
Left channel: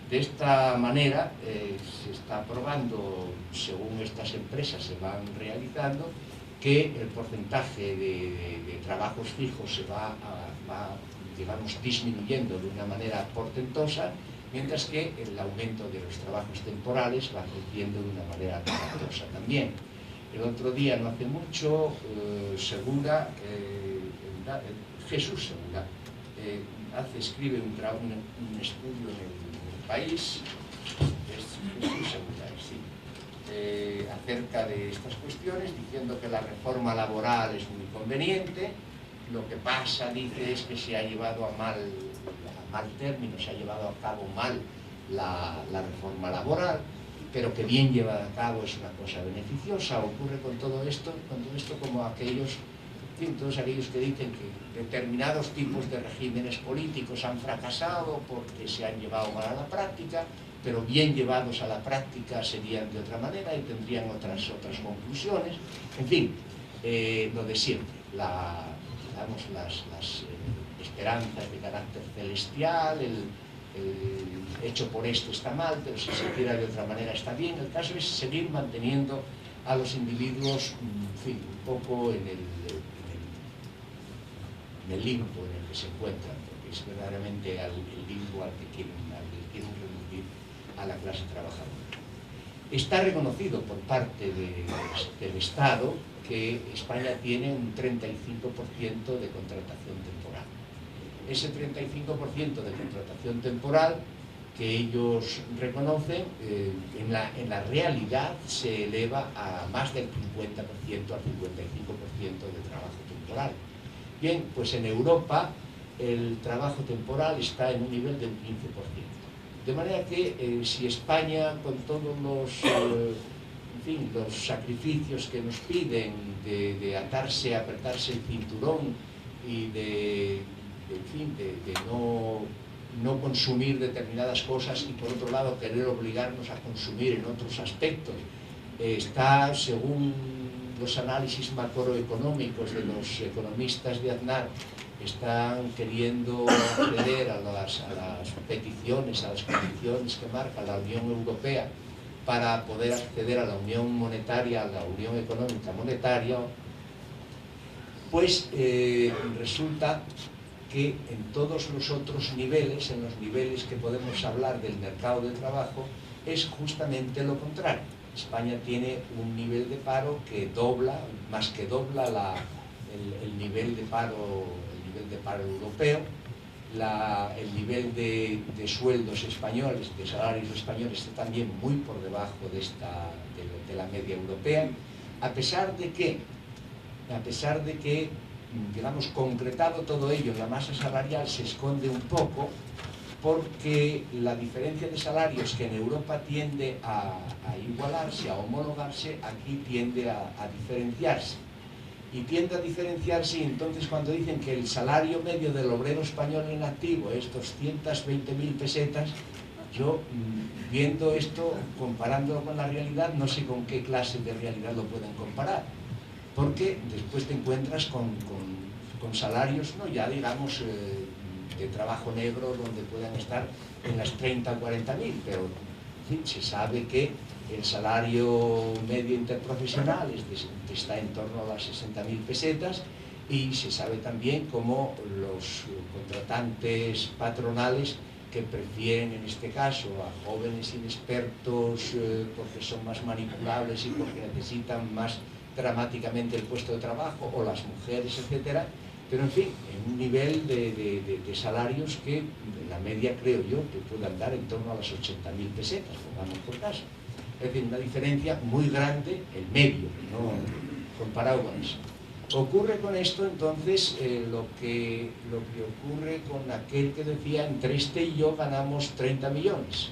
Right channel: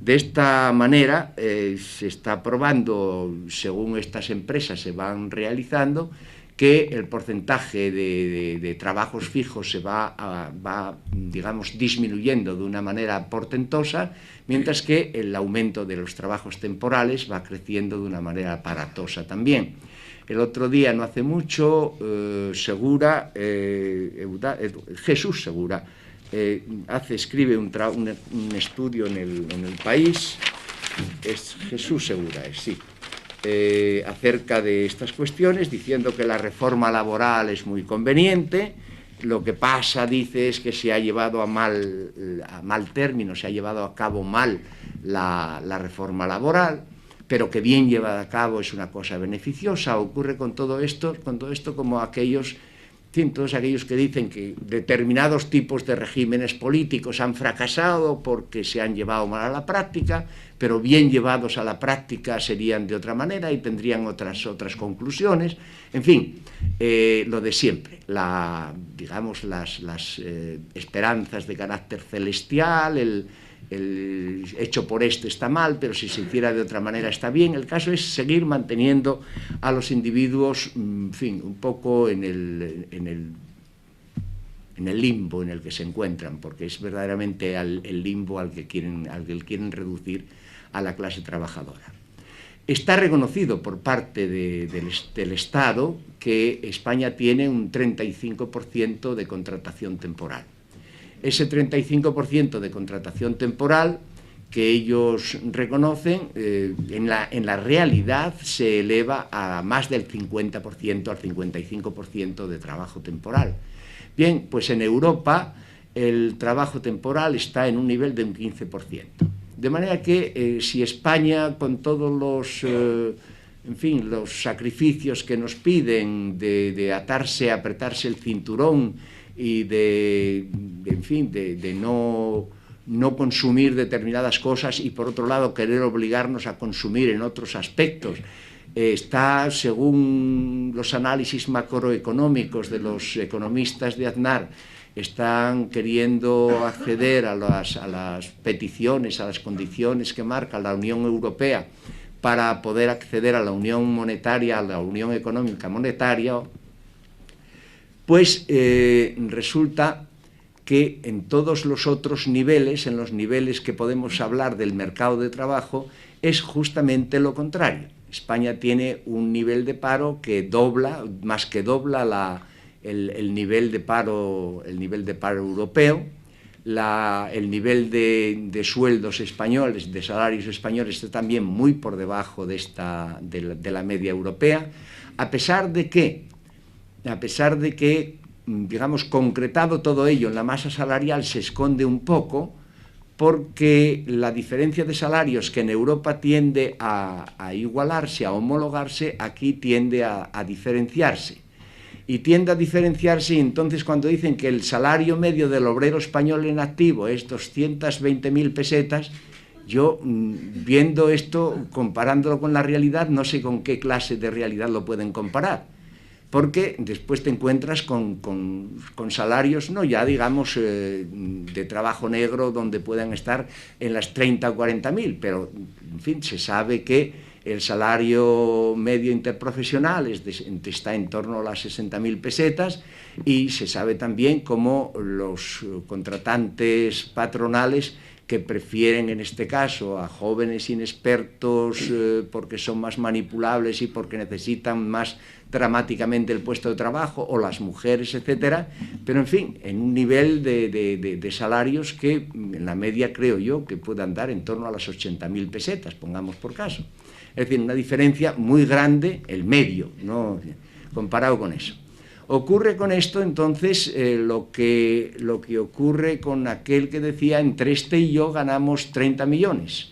De esta manera se está probando, según estas empresas se van realizando, que el porcentaje de trabajos fijos se va, digamos, disminuyendo de una manera portentosa, mientras que el aumento de los trabajos temporales va creciendo de una manera aparatosa también. El otro día, no hace mucho, Jesús Segura escribe un estudio en el País, es Jesús Segura, sí, acerca de estas cuestiones, diciendo que la reforma laboral es muy conveniente. Lo que pasa, dice, es que se ha llevado a mal término, se ha llevado a cabo mal la reforma laboral, pero que bien llevada a cabo es una cosa beneficiosa. Ocurre con todo esto como aquellos, en fin, todos aquellos que dicen que determinados tipos de regímenes políticos han fracasado porque se han llevado mal a la práctica, pero bien llevados a la práctica serían de otra manera y tendrían otras conclusiones. En fin, lo de siempre, digamos, las esperanzas de carácter celestial, el hecho por este está mal, pero si se hiciera de otra manera está bien. El caso es seguir manteniendo a los individuos, en fin, un poco en el limbo en el que se encuentran, porque es verdaderamente el limbo al que quieren reducir a la clase trabajadora. Está reconocido por parte del Estado que España tiene un 35% de contratación temporal. Ese 35% de contratación temporal que ellos reconocen, en la realidad se eleva a más del 50%, al 55% de trabajo temporal. Bien, pues en Europa el trabajo temporal está en un nivel de un 15%. De manera que si España, con todos los sacrificios que nos piden de apretarse el cinturón y de no consumir determinadas cosas y por otro lado querer obligarnos a consumir en otros aspectos, está, según los análisis macroeconómicos de los economistas de Aznar, están queriendo acceder a las peticiones, a las condiciones que marca la Unión Europea para poder acceder a la Unión Monetaria, a la Unión Económica Monetaria, pues resulta que en todos los otros niveles, en los niveles que podemos hablar del mercado de trabajo, es justamente lo contrario. España tiene un nivel de paro que dobla, más que dobla el nivel de paro europeo. El nivel de sueldos españoles, de salarios españoles, está también muy por debajo de la media europea, a pesar de que, digamos, concretado todo ello en la masa salarial, se esconde un poco, porque la diferencia de salarios que en Europa tiende a igualarse, a homologarse, aquí tiende a diferenciarse. y tiende a diferenciarse, y entonces cuando dicen que el salario medio del obrero español en activo es 220.000 pesetas, yo, viendo esto, comparándolo con la realidad, no sé con qué clase de realidad lo pueden comparar, porque después te encuentras con salarios, no ya digamos de trabajo negro, donde puedan estar en las 30 o 40.000, pero en fin, se sabe que el salario medio interprofesional está en torno a las 60.000 pesetas, y se sabe también cómo los contratantes patronales, que prefieren en este caso a jóvenes inexpertos porque son más manipulables y porque necesitan más dramáticamente el puesto de trabajo, o las mujeres, etcétera, pero en fin, en un nivel de salarios que en la media creo yo que puede andar en torno a las 80.000 pesetas, pongamos por caso. Es decir, una diferencia muy grande, el medio, ¿no?, comparado con eso. Ocurre con esto, entonces, lo que ocurre con aquel que decía, entre este y yo ganamos 30 millones.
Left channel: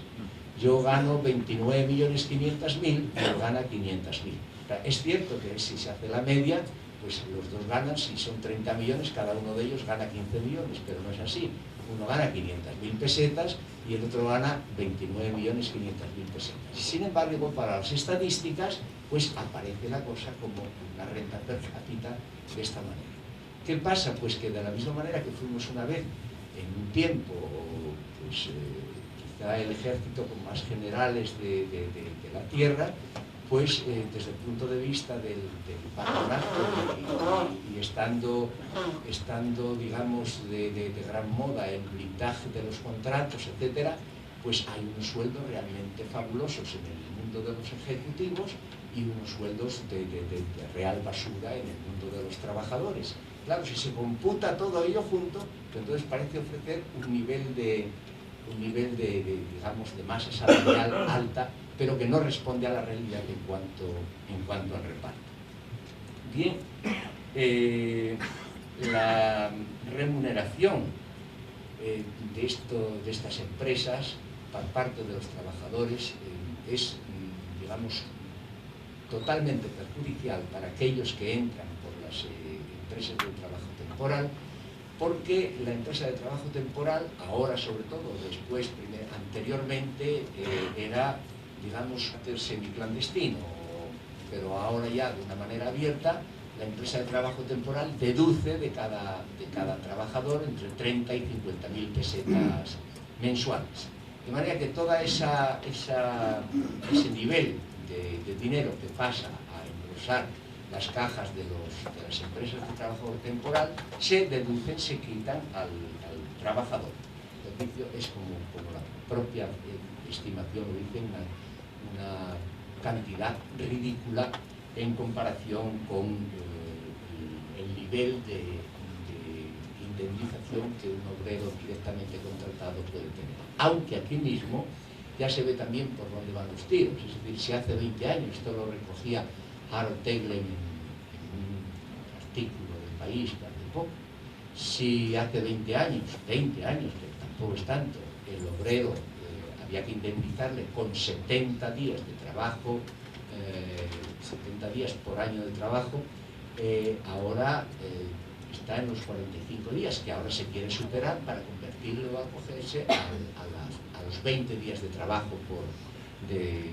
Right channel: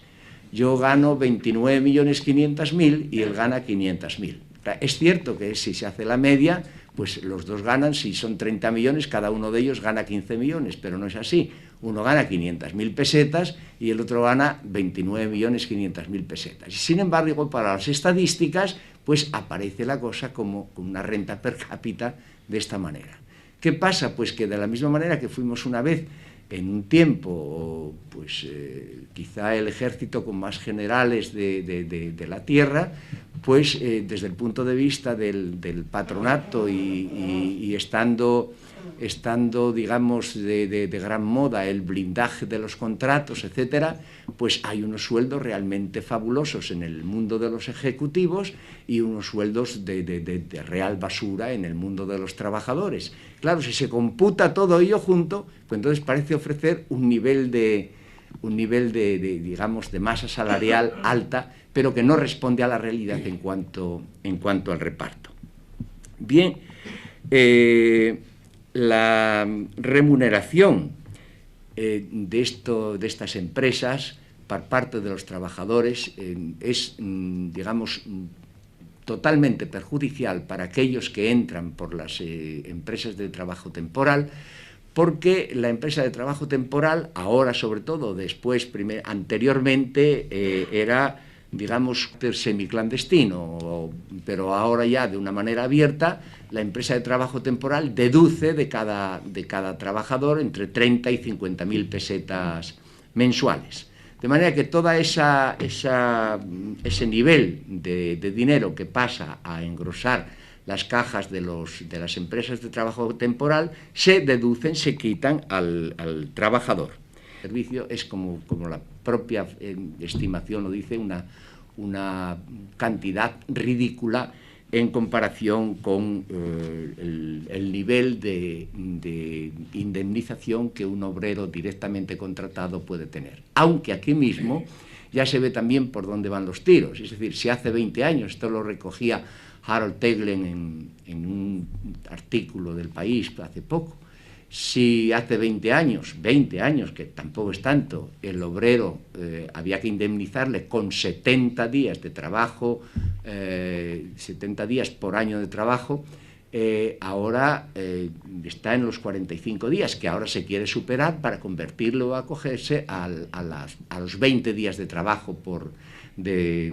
Yo gano 29.500.000 y él gana 500.000. Es cierto que si se hace la media, pues los dos ganan, si son 30 millones, cada uno de ellos gana 15 millones, pero no es así. Uno gana 500.000 pesetas y el otro gana 29.500.000 pesetas. Sin embargo, para las estadísticas, pues aparece la cosa como una renta per cápita de esta manera. ¿Qué pasa? Pues que de la misma manera que fuimos una vez, en un tiempo, pues quizá el ejército con más generales de la tierra, pues desde el punto de vista del patronato y estando digamos de gran moda el blindaje de los contratos, etcétera, pues hay unos sueldos realmente fabulosos en el mundo de los ejecutivos y unos sueldos de real basura en el mundo de los trabajadores. Claro, si se computa todo ello junto, pues entonces parece ofrecer un nivel de digamos de masa salarial alta, pero que no responde a la realidad en cuanto al reparto. Bien, la remuneración de estas empresas por parte de los trabajadores es, digamos, totalmente perjudicial para aquellos que entran por las empresas de trabajo temporal, porque la empresa de trabajo temporal, ahora sobre todo, anteriormente era, digamos, semiclandestino, pero ahora ya de una manera abierta, la empresa de trabajo temporal deduce de cada trabajador entre 30 y 50.000 pesetas mensuales. De manera que todo ese nivel de dinero que pasa a engrosar las cajas de las empresas de trabajo temporal se deducen, se quitan al trabajador. El servicio es como la propia estimación lo dice, una cantidad ridícula en comparación con el nivel de indemnización que un obrero directamente contratado puede tener. Aunque aquí mismo ya se ve también por dónde van los tiros. Es decir, si hace 20 años, esto lo recogía Harold Teglen en un artículo del País hace poco, si hace 20 años, que tampoco es tanto, el obrero había que indemnizarle con 70 días de trabajo, 70 días por año de trabajo, ahora está en los 45 días, que ahora se quiere superar para convertirlo, a acogerse a los 20 días de trabajo de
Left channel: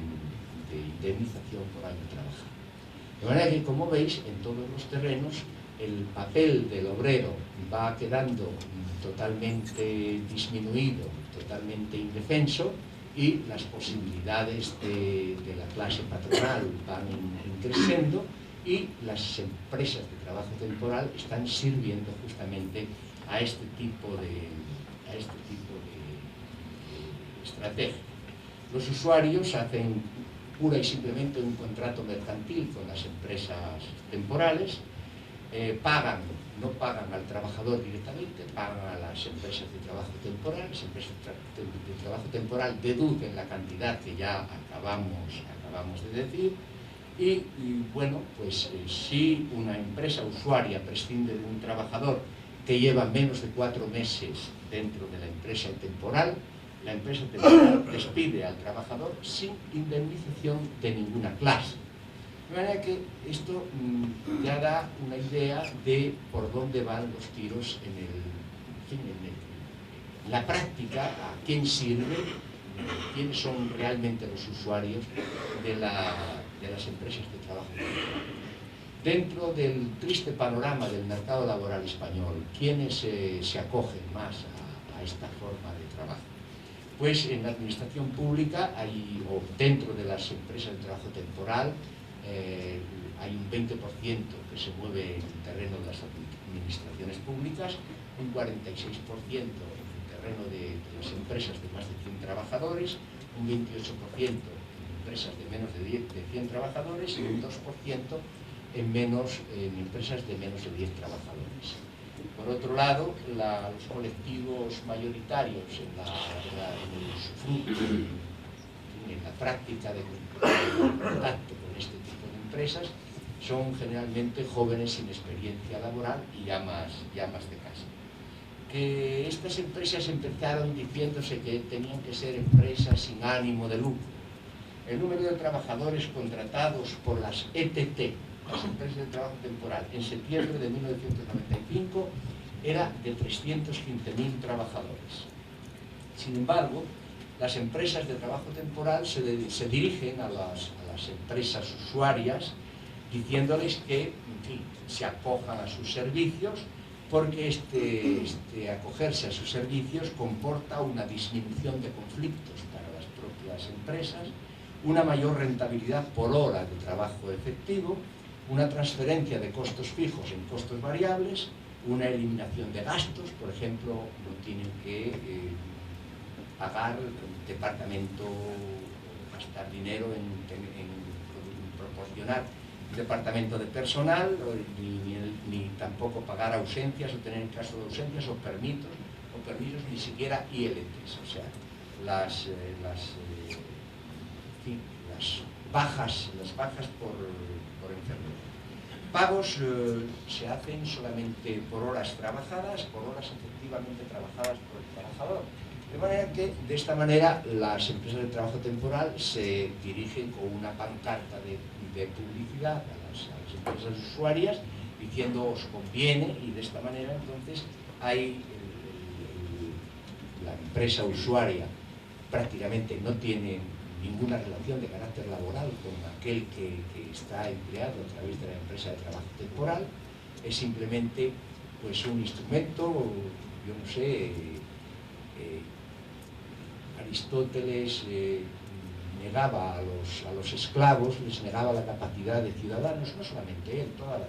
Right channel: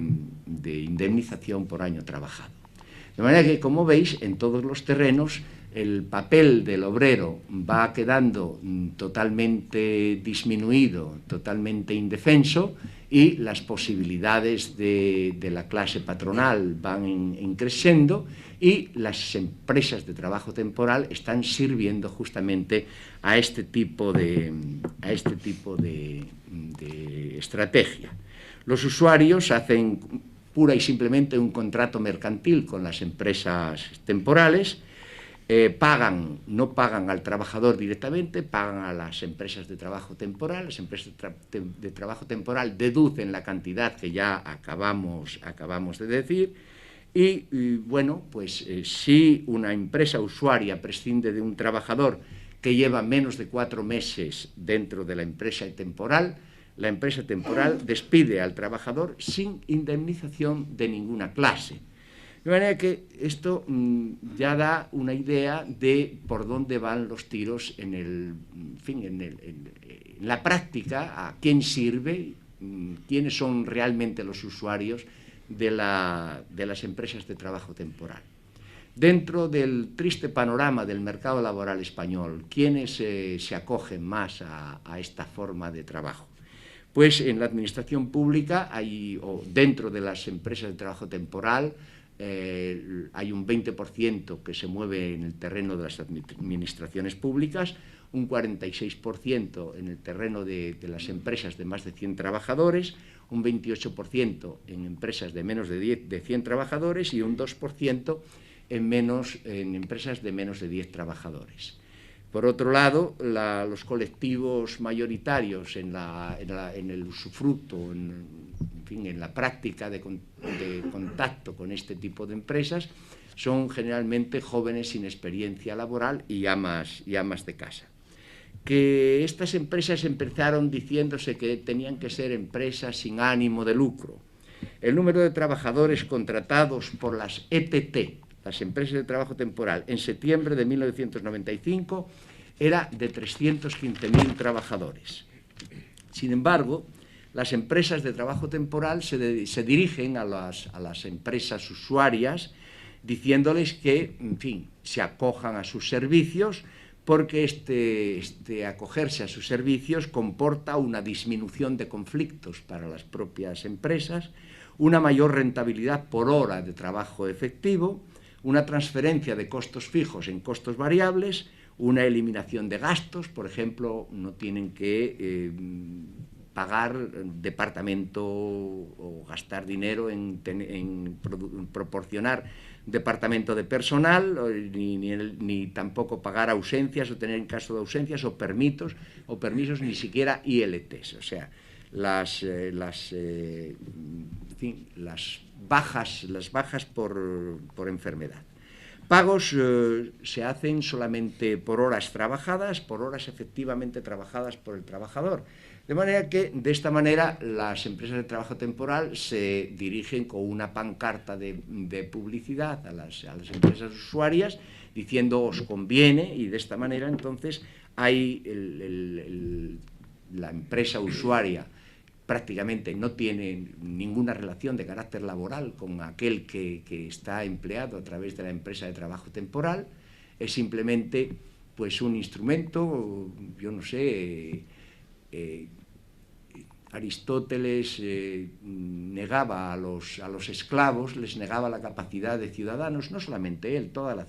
indemnización por año trabajado. De manera que, como veis, en todos los terrenos el papel del obrero va quedando totalmente disminuido, totalmente indefenso, y las posibilidades de la clase patronal van creciendo, y las empresas de trabajo temporal están sirviendo justamente a este tipo de estrategia. Los usuarios hacen pura y simplemente un contrato mercantil con las empresas temporales, no pagan al trabajador directamente, pagan a las empresas de trabajo temporal. Las empresas de trabajo temporal deducen la cantidad que ya acabamos de decir, y bueno, pues si una empresa usuaria prescinde de un trabajador que lleva menos de 4 meses dentro de la empresa temporal, la empresa temporal despide al trabajador sin indemnización de ninguna clase. De manera que esto ya da una idea de por dónde van los tiros en la práctica, a quién sirve, quiénes son realmente los usuarios de las empresas de trabajo temporal. Dentro del triste panorama del mercado laboral español, ¿quiénes se acogen más a esta forma de trabajo? Pues en la administración pública o dentro de las empresas de trabajo temporal hay un 20% que se mueve en el terreno de las administraciones públicas, un 46% en el terreno de las empresas de más de 100 trabajadores, un 28% en empresas de menos de 100 trabajadores y un 2% en empresas de menos de 10 trabajadores. Por otro lado, los colectivos mayoritarios en el usufructo, en la práctica de contacto con este tipo de empresas, son generalmente jóvenes sin experiencia laboral y amas de casa. Que estas empresas empezaron diciéndose que tenían que ser empresas sin ánimo de lucro. El número de trabajadores contratados por las ETT, las empresas de trabajo temporal, en septiembre de 1995 era de 315.000 trabajadores. Sin embargo, las empresas de trabajo temporal se dirigen a las empresas usuarias diciéndoles que, en fin, se acojan a sus servicios, porque acogerse a sus servicios comporta una disminución de conflictos para las propias empresas, una mayor rentabilidad por hora de trabajo efectivo, una transferencia de costos fijos en costos variables, una eliminación de gastos, por ejemplo, no tienen que pagar departamento o gastar dinero en proporcionar departamento de personal, ni tampoco pagar ausencias o tener en caso de ausencias o permisos, ni siquiera ILTs, o sea, las bajas por enfermedad. Pagos se hacen solamente por horas trabajadas, por horas efectivamente trabajadas por el trabajador. De manera que, de esta manera, las empresas de trabajo temporal se dirigen con una pancarta de publicidad a las empresas usuarias diciendo os conviene, y de esta manera entonces hay la empresa usuaria prácticamente no tiene ninguna relación de carácter laboral con aquel que está empleado a través de la empresa de trabajo temporal, es simplemente pues un instrumento, yo no sé, Aristóteles negaba a los esclavos, les negaba la capacidad de ciudadanos, no solamente él, toda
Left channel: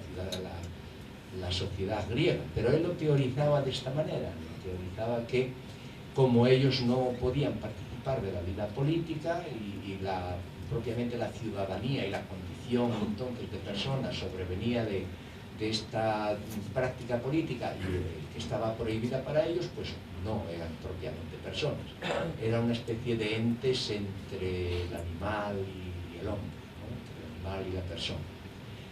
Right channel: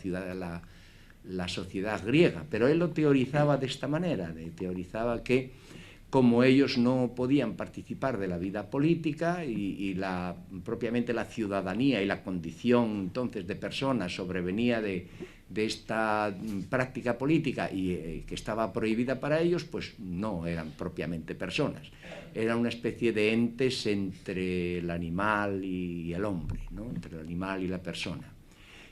la sociedad griega, pero él lo teorizaba de esta manera, teorizaba que como ellos no podían participar de la vida política y propiamente la ciudadanía y la condición entonces de personas sobrevenía de esta práctica política y que estaba prohibida para ellos, pues no eran propiamente personas, era una especie de entes entre el animal y el hombre, ¿no? Entre el animal y la persona.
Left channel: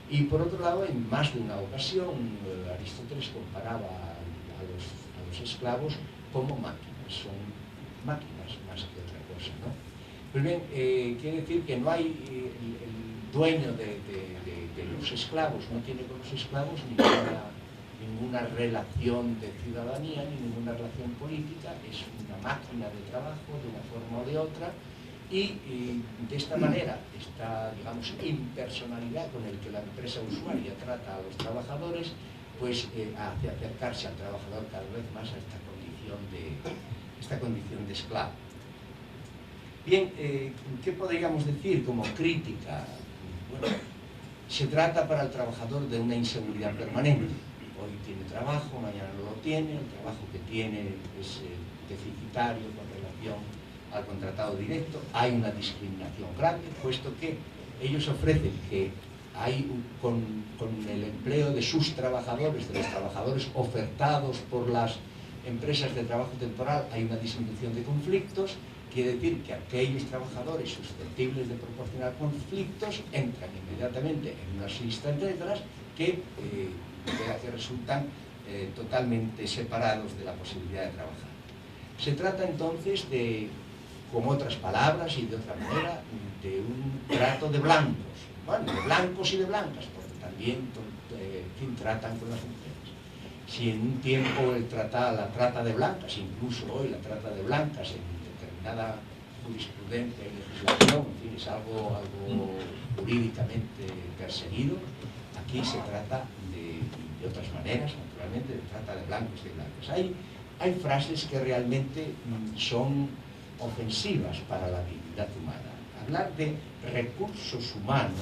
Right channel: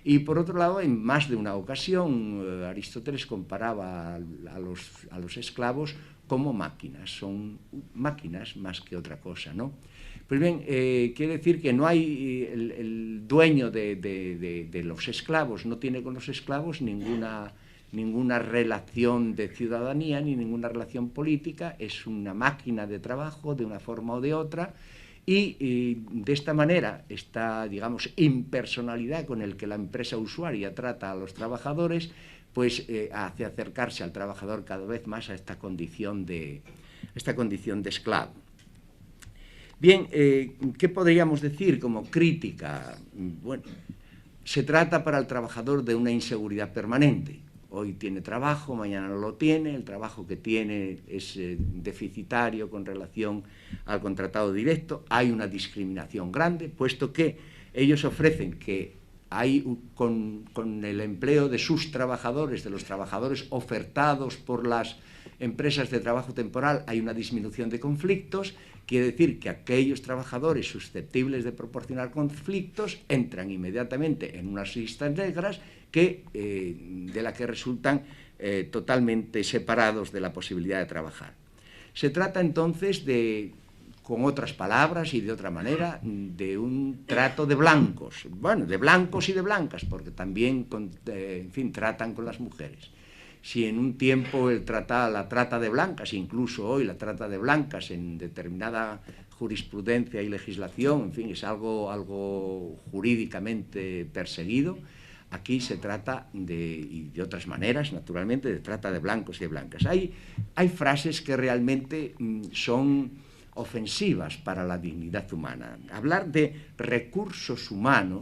Y por otro lado, en más de una ocasión, Aristóteles comparaba a los esclavos como máquinas, son máquinas más que otra cosa, ¿no? Pues bien, quiere decir que no hay el dueño de los esclavos, no tiene con los esclavos ninguna relación de ciudadanía ni ninguna relación política, es una máquina de trabajo de una forma o de otra, y de esta manera esta, digamos, impersonalidad con el que la empresa usuaria trata a los trabajadores pues hace acercarse al trabajador cada vez más a esta condición de esclavo. Bien, ¿qué podríamos decir como crítica? Bueno, se trata para el trabajador de una inseguridad permanente. Hoy tiene trabajo, mañana no lo tiene, el trabajo que tiene es deficitario con relación al contratado directo, hay una discriminación grande, puesto que ellos ofrecen que hay con el empleo de sus trabajadores, de los trabajadores ofertados por las empresas de trabajo temporal, hay una disminución de conflictos. Quiere decir que aquellos trabajadores susceptibles de proporcionar conflictos entran inmediatamente en unas listas negras de las que resultan totalmente separados de la posibilidad de trabajar. Se trata entonces de con otras palabras y de otra manera, de un trato de blancos, bueno, de blancos y de blancas, porque también, en fin, tratan con las mujeres. Si en un tiempo la trata de blancas, incluso hoy la trata de blancas en determinada jurisprudencia y legislación, en fin, es algo jurídicamente perseguido, aquí se trata de otras maneras, naturalmente, de trata de blancos y de blancas. Hay frases que realmente son ofensivas para la dignidad humana. Hablar de recursos humanos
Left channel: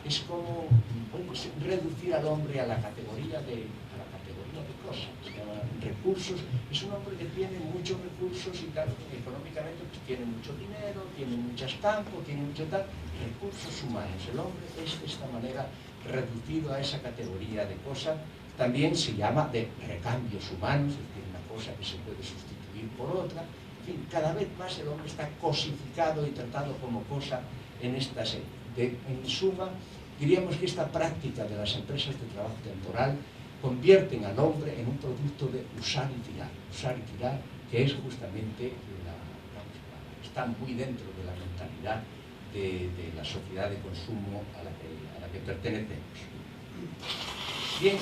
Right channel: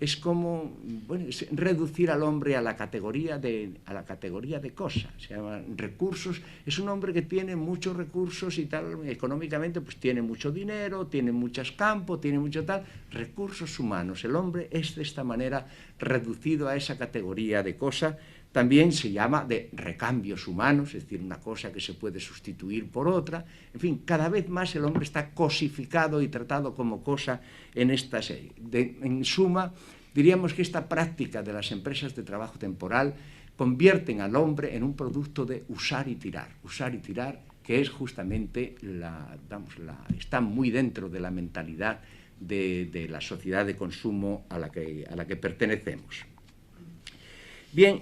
es como, bueno, reducir al hombre a la categoría de cosas. O sea, recursos, es un hombre que tiene muchos recursos y tal, económicamente pues tiene mucho dinero, tiene muchos campos, tiene mucho tal. Recursos humanos, el hombre es de esta manera reducido a esa categoría de cosa. También se llama de recambios humanos, es decir, una cosa que se puede sustituir por otra. En fin, cada vez más el hombre está cosificado y tratado como cosa en esta serie. En suma, diríamos que esta práctica de las empresas de trabajo temporal convierten al hombre en un producto de usar y tirar, que es justamente está muy dentro de la mentalidad de la sociedad de consumo a la que pertenecemos. Bien,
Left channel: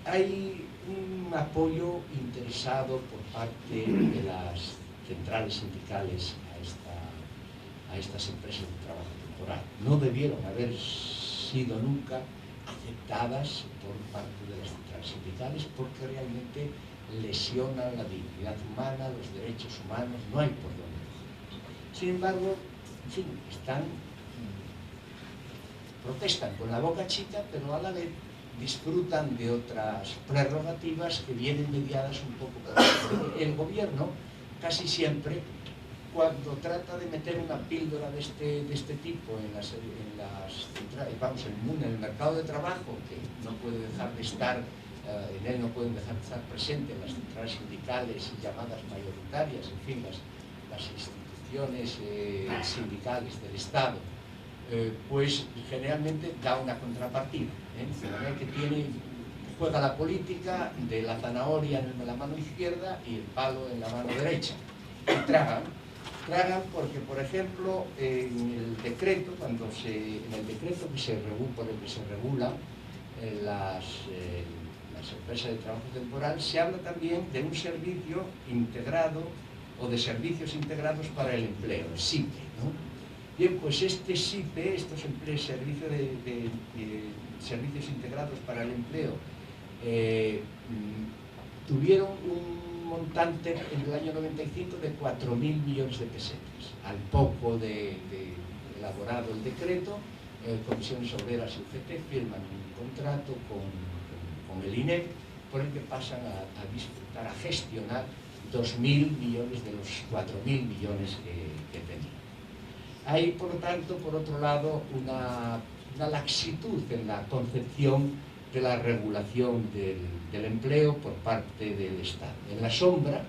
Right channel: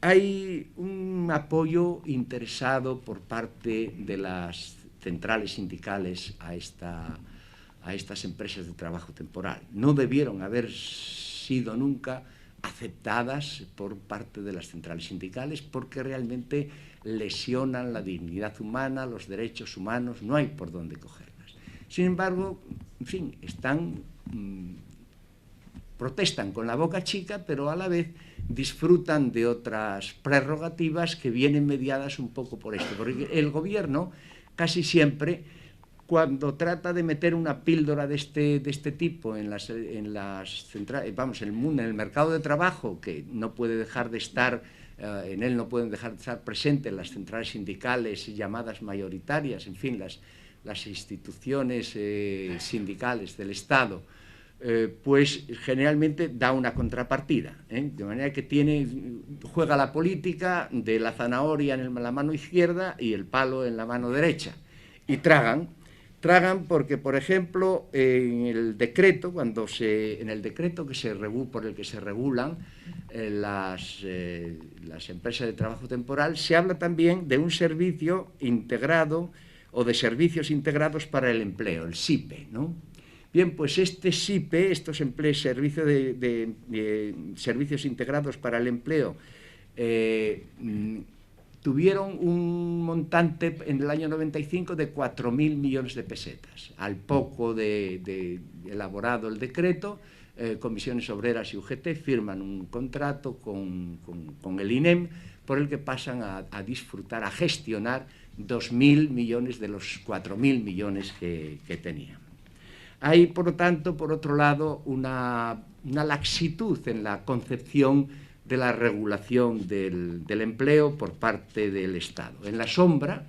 hay un apoyo interesado por parte de las centrales sindicales a estas empresas de trabajo temporal. No debieron haber sido nunca aceptadas por parte de las centrales sindicales porque realmente lesionan la dignidad humana, los derechos humanos, no hay por dónde cogerlas. Sin embargo, en fin, protestan con la boca chica, pero a la vez disfrutan de otras prerrogativas que vienen mediadas un poco por ello. El gobierno casi siempre, cuando trata de meter una píldora de este tipo en el mercado de trabajo, que no puede dejar de estar, en él no pueden dejar de estar presentes las centrales sindicales y llamadas mayoritarias, en fin, las instituciones sindicales del Estado, pues generalmente da una contrapartida, de manera que juega la política de la zanahoria en la mano izquierda y el palo en la mano derecha, y tragan porque, por ejemplo, en el decreto por el que se regulan las empresas de trabajo temporal, se habla también de un servicio integrado o de servicios integrados para el empleo, el SIPE, ¿no? Bien, pues este SIPE, estos servicios servicios integrados para el empleo, tuvieron un montante en el año 95 de 4.000 millones de pesetas. Al poco de elaborado el decreto, Comisiones Obreras y UGT firman un contrato con el INEM por el que pasan a disfrutar, a gestionar 2.000 millones de los 4.000 millones que tenían. Hay, por lo tanto, por otro lado, una laxitud en la concepción de la regulación del empleo por parte del Estado. En la sombra,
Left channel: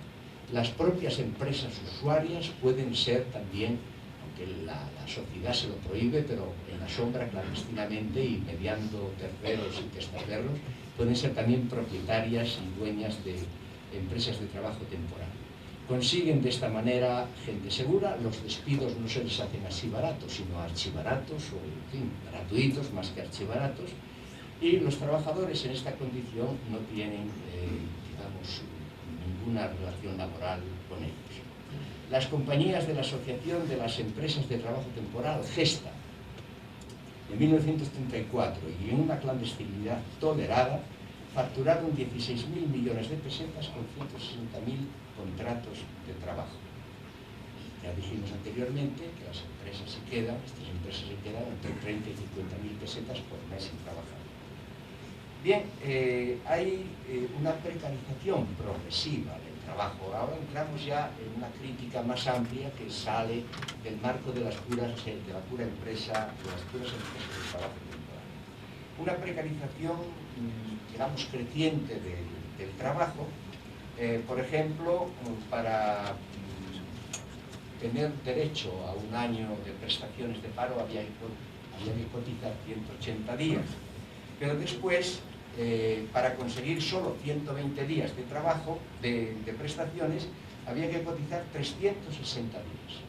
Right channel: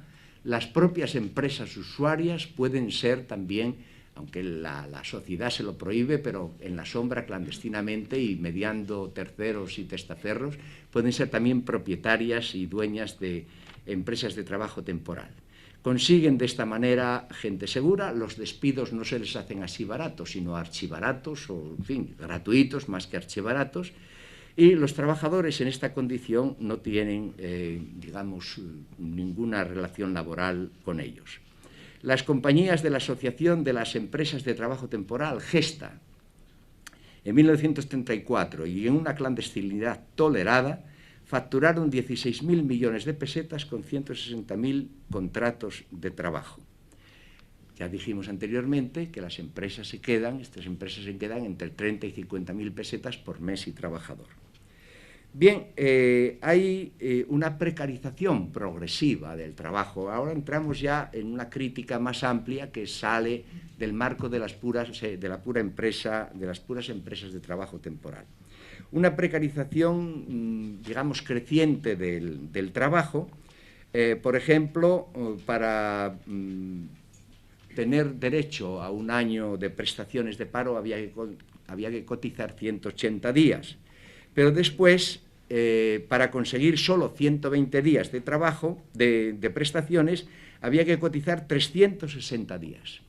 las propias empresas usuarias pueden ser también, aunque la sociedad se lo prohíbe, pero en la sombra, clandestinamente y mediando terceros y testaferros, pueden ser también propietarias y dueñas de empresas de trabajo temporal. Consiguen de esta manera gente segura, los despidos no se les hacen así baratos, sino archibaratos, o en fin, gratuitos más que archibaratos, y los trabajadores en esta condición no tienen, digamos, ninguna relación laboral con ellos. Las compañías de la Asociación de las Empresas de Trabajo Temporal, GESTA, en 1934, y en una clandestinidad tolerada, facturaron 16.000 millones de pesetas con 160.000 contratos de trabajo. Ya dijimos anteriormente que estas empresas se quedan entre 30 y 50.000 pesetas por mes y trabajador. Bien, hay una precarización progresiva del trabajo. Ahora entramos ya en una crítica más amplia que sale del marco de las puras empresas de trabajo temporal. Una precarización, digamos, creciente del trabajo. Por ejemplo, para tener derecho a un año de prestaciones de paro había que cotizar 180 días. Pero después, para conseguir solo 120 días de trabajo, de prestaciones, había que cotizar 360 días.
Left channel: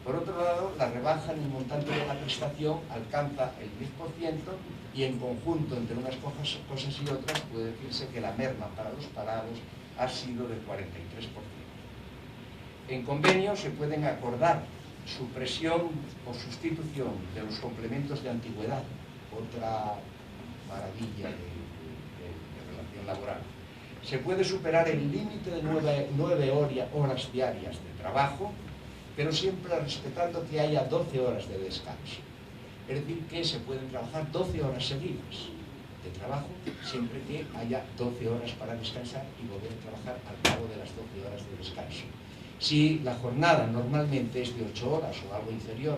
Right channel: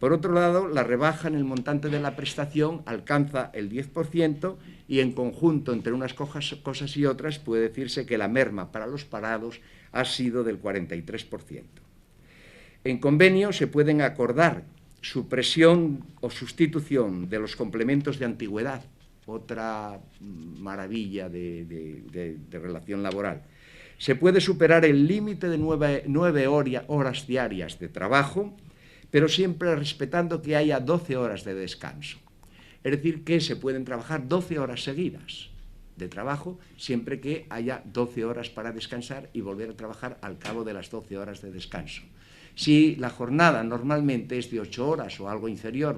Por otro lado, la rebaja en el montante de la prestación alcanza el 10% y en conjunto entre unas cosas y otras puede decirse que la merma para los parados ha sido del 43%. En convenio se pueden acordar supresión o sustitución de los complementos de antigüedad, otra maravilla de relación laboral. Se puede superar el límite de 9 horas diarias de trabajo, pero siempre respetando que haya 12 horas de descanso. Es decir, que se pueden trabajar 12 horas seguidas de trabajo, siempre que haya 12 horas para descansar y volver a trabajar al cabo de las 12 horas de descanso. Si la jornada normalmente es de 8 horas o algo inferior,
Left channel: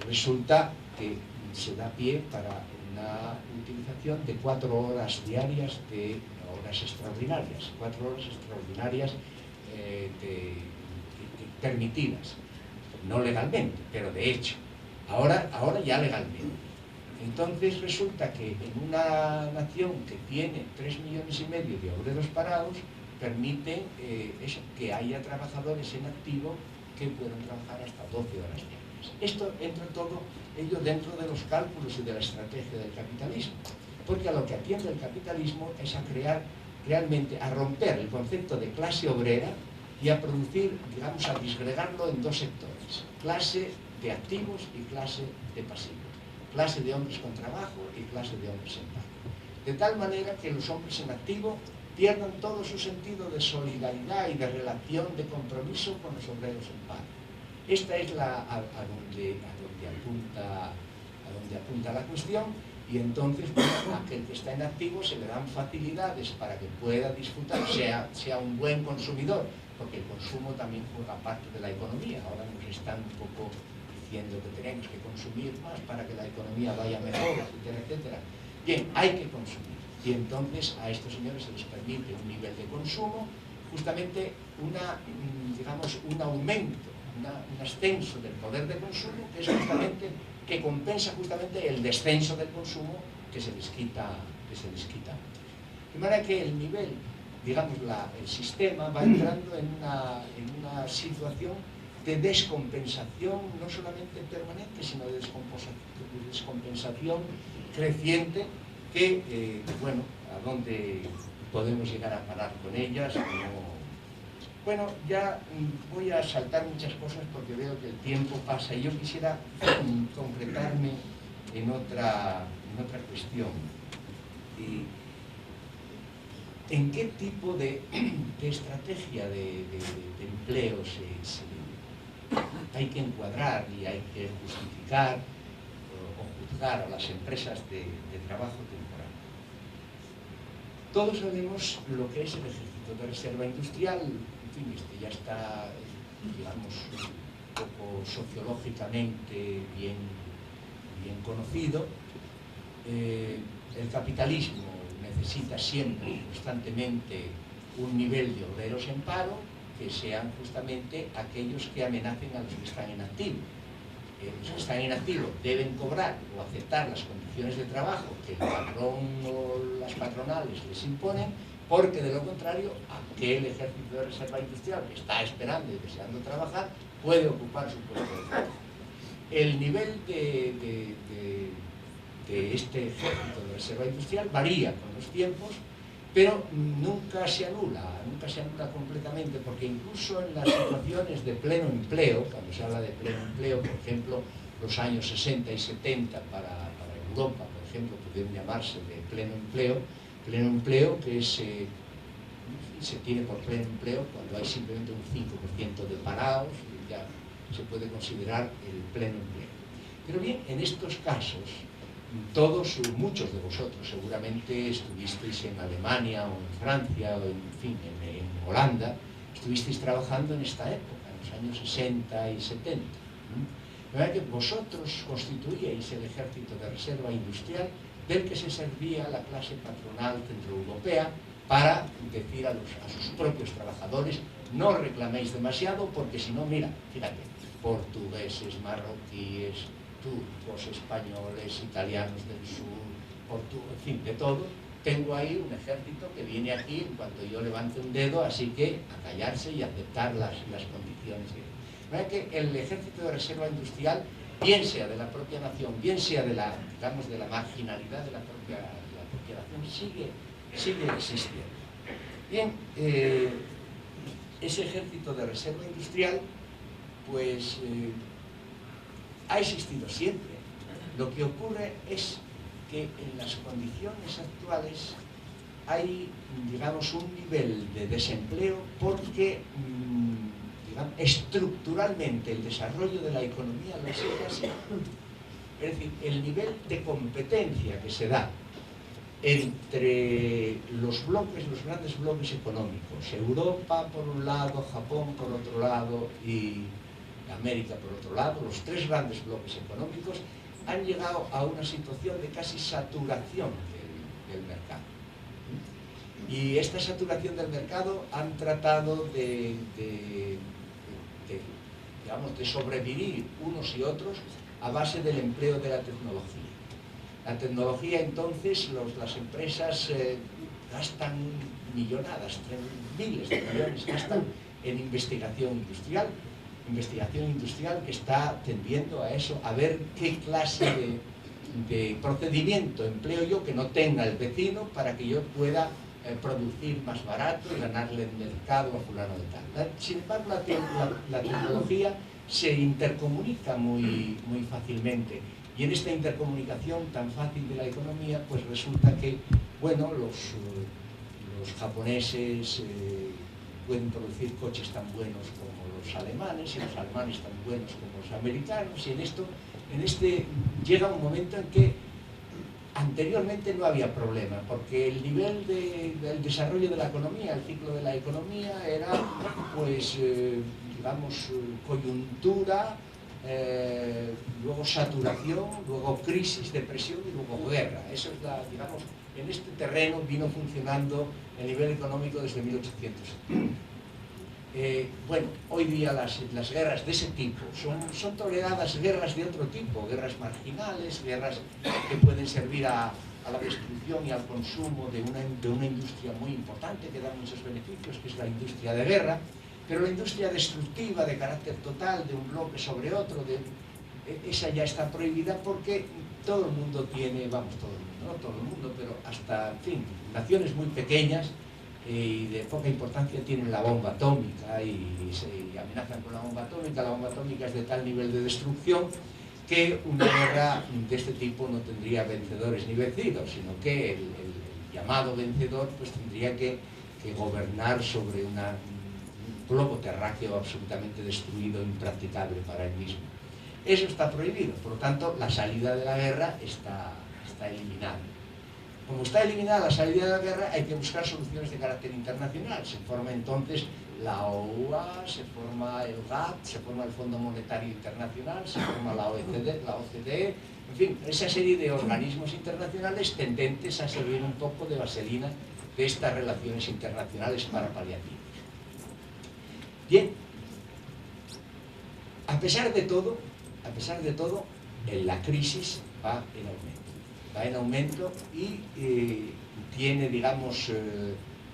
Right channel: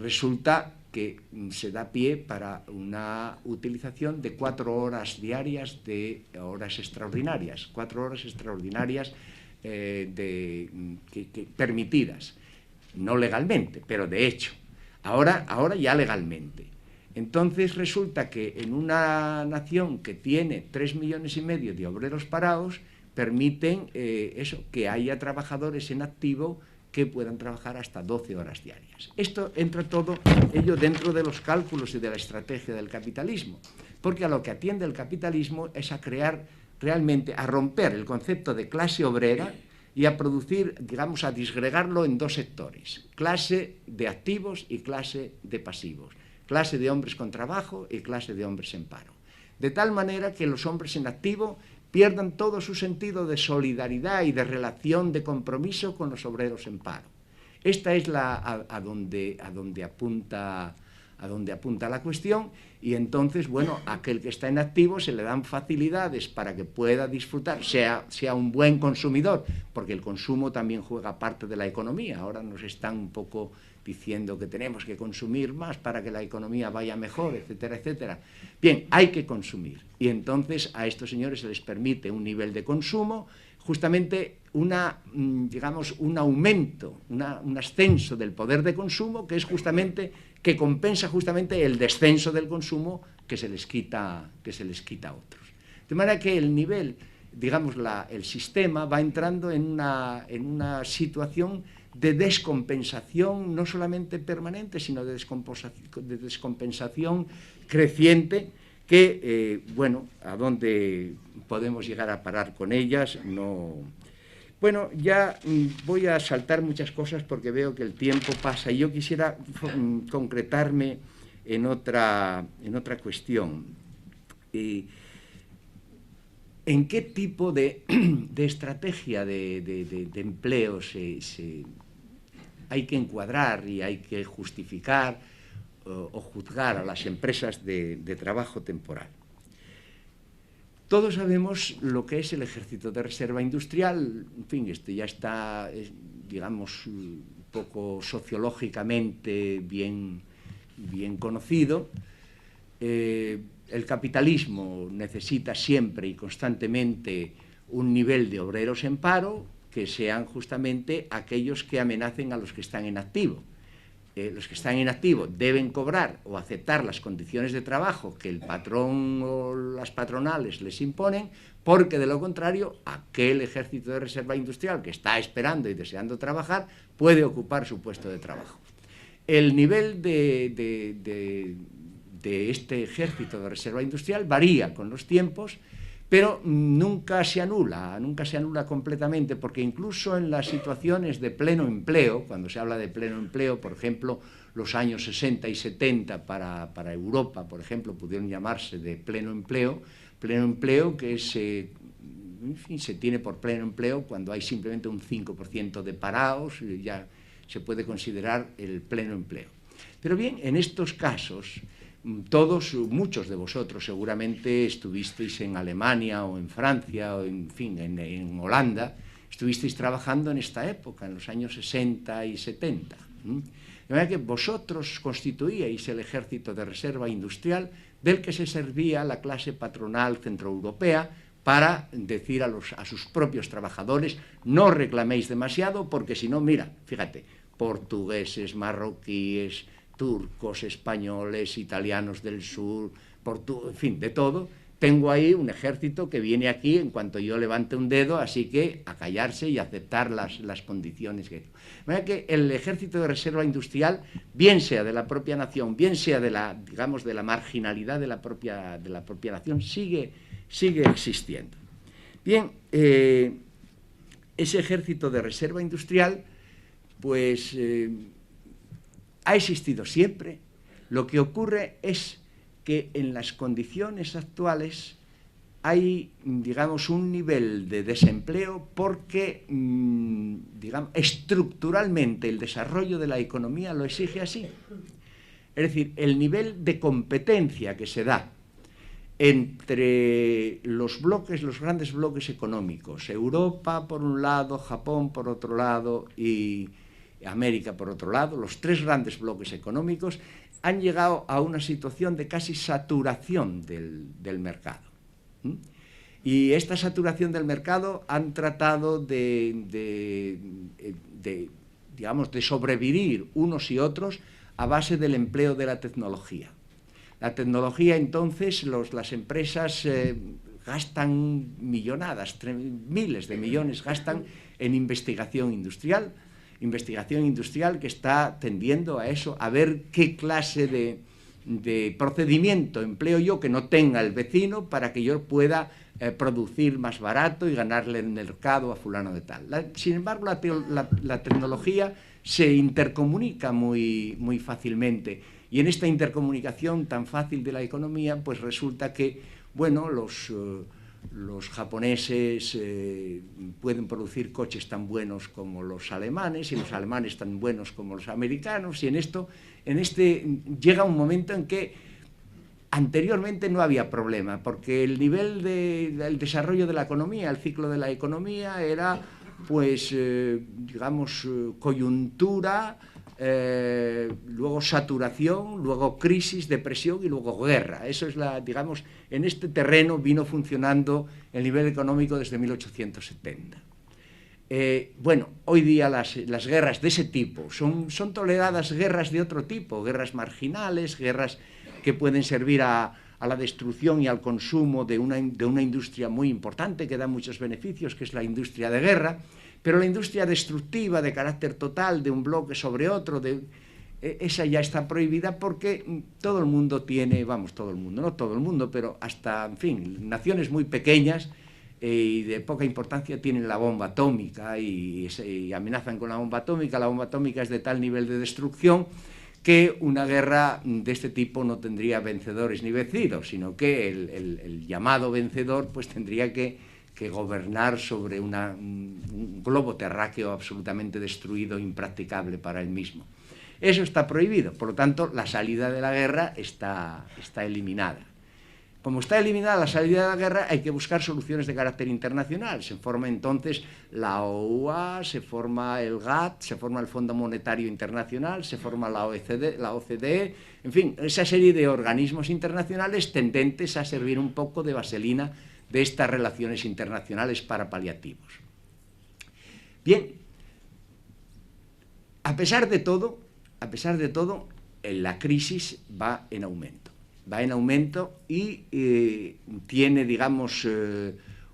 resulta que se da pie para una utilización de 4 horas diarias de horas extraordinarias, 4 horas extraordinarias permitidas, no legalmente, pero de hecho, ahora ya legalmente. Entonces resulta que en una nación que tiene 3,5 millones de obreros parados, permiten eso, que haya trabajadores en activo que puedan trabajar hasta 12 horas diarias. Esto entra todo ello dentro de los cálculos y de la estrategia del capitalismo, porque a lo que atiende el capitalismo es a crear realmente, a romper el concepto de clase obrera y a producir, digamos, a disgregarlo en dos sectores: clase de activos y clase de pasivos, clase de hombres con trabajo y clase de hombres en paro, de tal manera que los hombres en activo pierdan todo su sentido de solidaridad y de relación de compromiso con los obreros en paro. Esta es a donde apunta la cuestión, y entonces, bueno, a aquel que está en activo se le dan facilidades para que pueda disfrutar, sea un buen consumidor, porque el consumo también juega parte de la economía. Ahora nos están un poco diciendo que tenemos que consumir más para que la economía vaya mejor, etcétera, etcétera. Bien, hay que consumir, y entonces a estos señores se les permite un nivel de consumo, justamente digamos, un aumento, un ascenso del poder de consumo que compensa justamente el descenso del consumo que se les quita a otros. De manera que el nivel, digamos, el sistema va entrando en una situación de descompensación, no solamente permanente, sino de descompensación creciente, que, bueno, a dónde podemos llegar a parar con ellas, no. Bueno, ya voy a saltar muchas cosas porque veo que el tiempo pasa, y yo quisiera concretarme en otra cuestión. ¿En qué tipo de estrategia de empleo hay que encuadrar y hay que justificar o juzgar a las empresas de trabajo temporal? Todos sabemos lo que es el ejército de reserva industrial. En fin, ya está, digamos, un poco sociológicamente bien conocido. El capitalismo necesita siempre y constantemente un nivel de obreros en paro que sean justamente aquellos que amenacen a los que están en activo. Los que están en activo deben cobrar o aceptar las condiciones de trabajo que el patrón o las patronales les imponen, porque de lo contrario aquel ejército de reserva industrial que está esperando y deseando trabajar puede ocupar su puesto de trabajo. El nivel de este ejército de reserva industrial varía con los tiempos, pero nunca se anula completamente, porque incluso en las situaciones de pleno empleo, cuando se habla de pleno empleo, por ejemplo, los años 60 y 70 para Europa, por ejemplo, pudieron llamarse de pleno empleo que se tiene por pleno empleo cuando hay simplemente un 5% de parados, y ya se puede considerar el pleno empleo. Pero bien, en estos casos, muchos de vosotros seguramente estuvisteis en Alemania o en Francia o en Holanda, estuvisteis trabajando en esta época, en los años 60 y 70. De manera que vosotros constituíais el ejército de reserva industrial del que se servía la clase patronal centroeuropea para decir a sus propios trabajadores: no reclaméis demasiado, porque si no, mira, fíjate, portugueses, marroquíes, turcos, españoles, italianos del sur, en fin, de todo, tengo ahí un ejército que viene aquí en cuanto yo levante un dedo, así que a callarse y aceptar las condiciones. De manera que el ejército de reserva industrial, bien sea de la propia nación, bien sea de la, digamos, de la marginalidad de la propia nación, sigue existiendo. Bien, ese ejército de reserva industrial, pues ha existido siempre. Lo que ocurre es que en las condiciones actuales hay, digamos, un nivel de desempleo porque, digamos, estructuralmente el desarrollo de la economía lo exige así. Es decir, el nivel de competencia que se da entre los bloques, los grandes bloques económicos, Europa por un lado, Japón por otro lado y América por otro lado, los tres grandes bloques económicos han llegado a una situación de casi saturación del mercado. Y esta saturación del mercado han tratado digamos, de sobrevivir unos y otros a base del empleo de la tecnología. La tecnología, entonces, las empresas gastan millonadas, miles de millones gastan en investigación industrial que está tendiendo a eso, a ver qué clase de procedimiento empleo yo que no tenga el vecino para que yo pueda producir más barato y ganarle el mercado a fulano de tal. Sin embargo, la tecnología se intercomunica muy fácilmente, y en esta intercomunicación tan fácil de la economía, pues resulta que, bueno, los japoneses pueden producir coches tan buenos como los alemanes, y los alemanes tan buenos como los americanos, y en este llega un momento en que anteriormente no había problema, porque el nivel del desarrollo de la economía, el ciclo de la economía era, pues, digamos, coyuntura, luego saturación, luego crisis, depresión y luego guerra. Eso es digamos, en este terreno vino funcionando el nivel económico desde 1870. Bueno, hoy día las guerras de ese tipo son toleradas guerras de otro tipo, guerras marginales, guerras que pueden servir a la destrucción y al consumo de una industria muy importante que da muchos beneficios, que es la industria de guerra, pero la industria destructiva de carácter total de un bloque sobre otro, esa ya está prohibida porque todo el mundo tiene, vamos, todo el mundo, no todo el mundo, pero hasta, en fin, naciones muy pequeñas y de poca importancia tienen la bomba atómica y amenazan con la bomba atómica. La bomba atómica es de tal nivel de destrucción que una guerra de este tipo no tendría vencedores ni vencidos, sino que el llamado vencedor pues tendría que gobernar sobre un globo terráqueo absolutamente destruido, impracticable para él mismo. Eso está prohibido, por lo tanto la salida de la guerra está eliminada. Como está eliminada la salida de la guerra, hay que buscar soluciones de carácter internacional. Se forma entonces la OUA, se forma el GATT, se forma el Fondo Monetario Internacional, se forma la OCDE, en fin, esa serie de organismos internacionales tendentes a servir un poco de vaselina de estas relaciones internacionales para paliativos. Bien, a pesar de todo, la crisis va en aumento y tiene, digamos,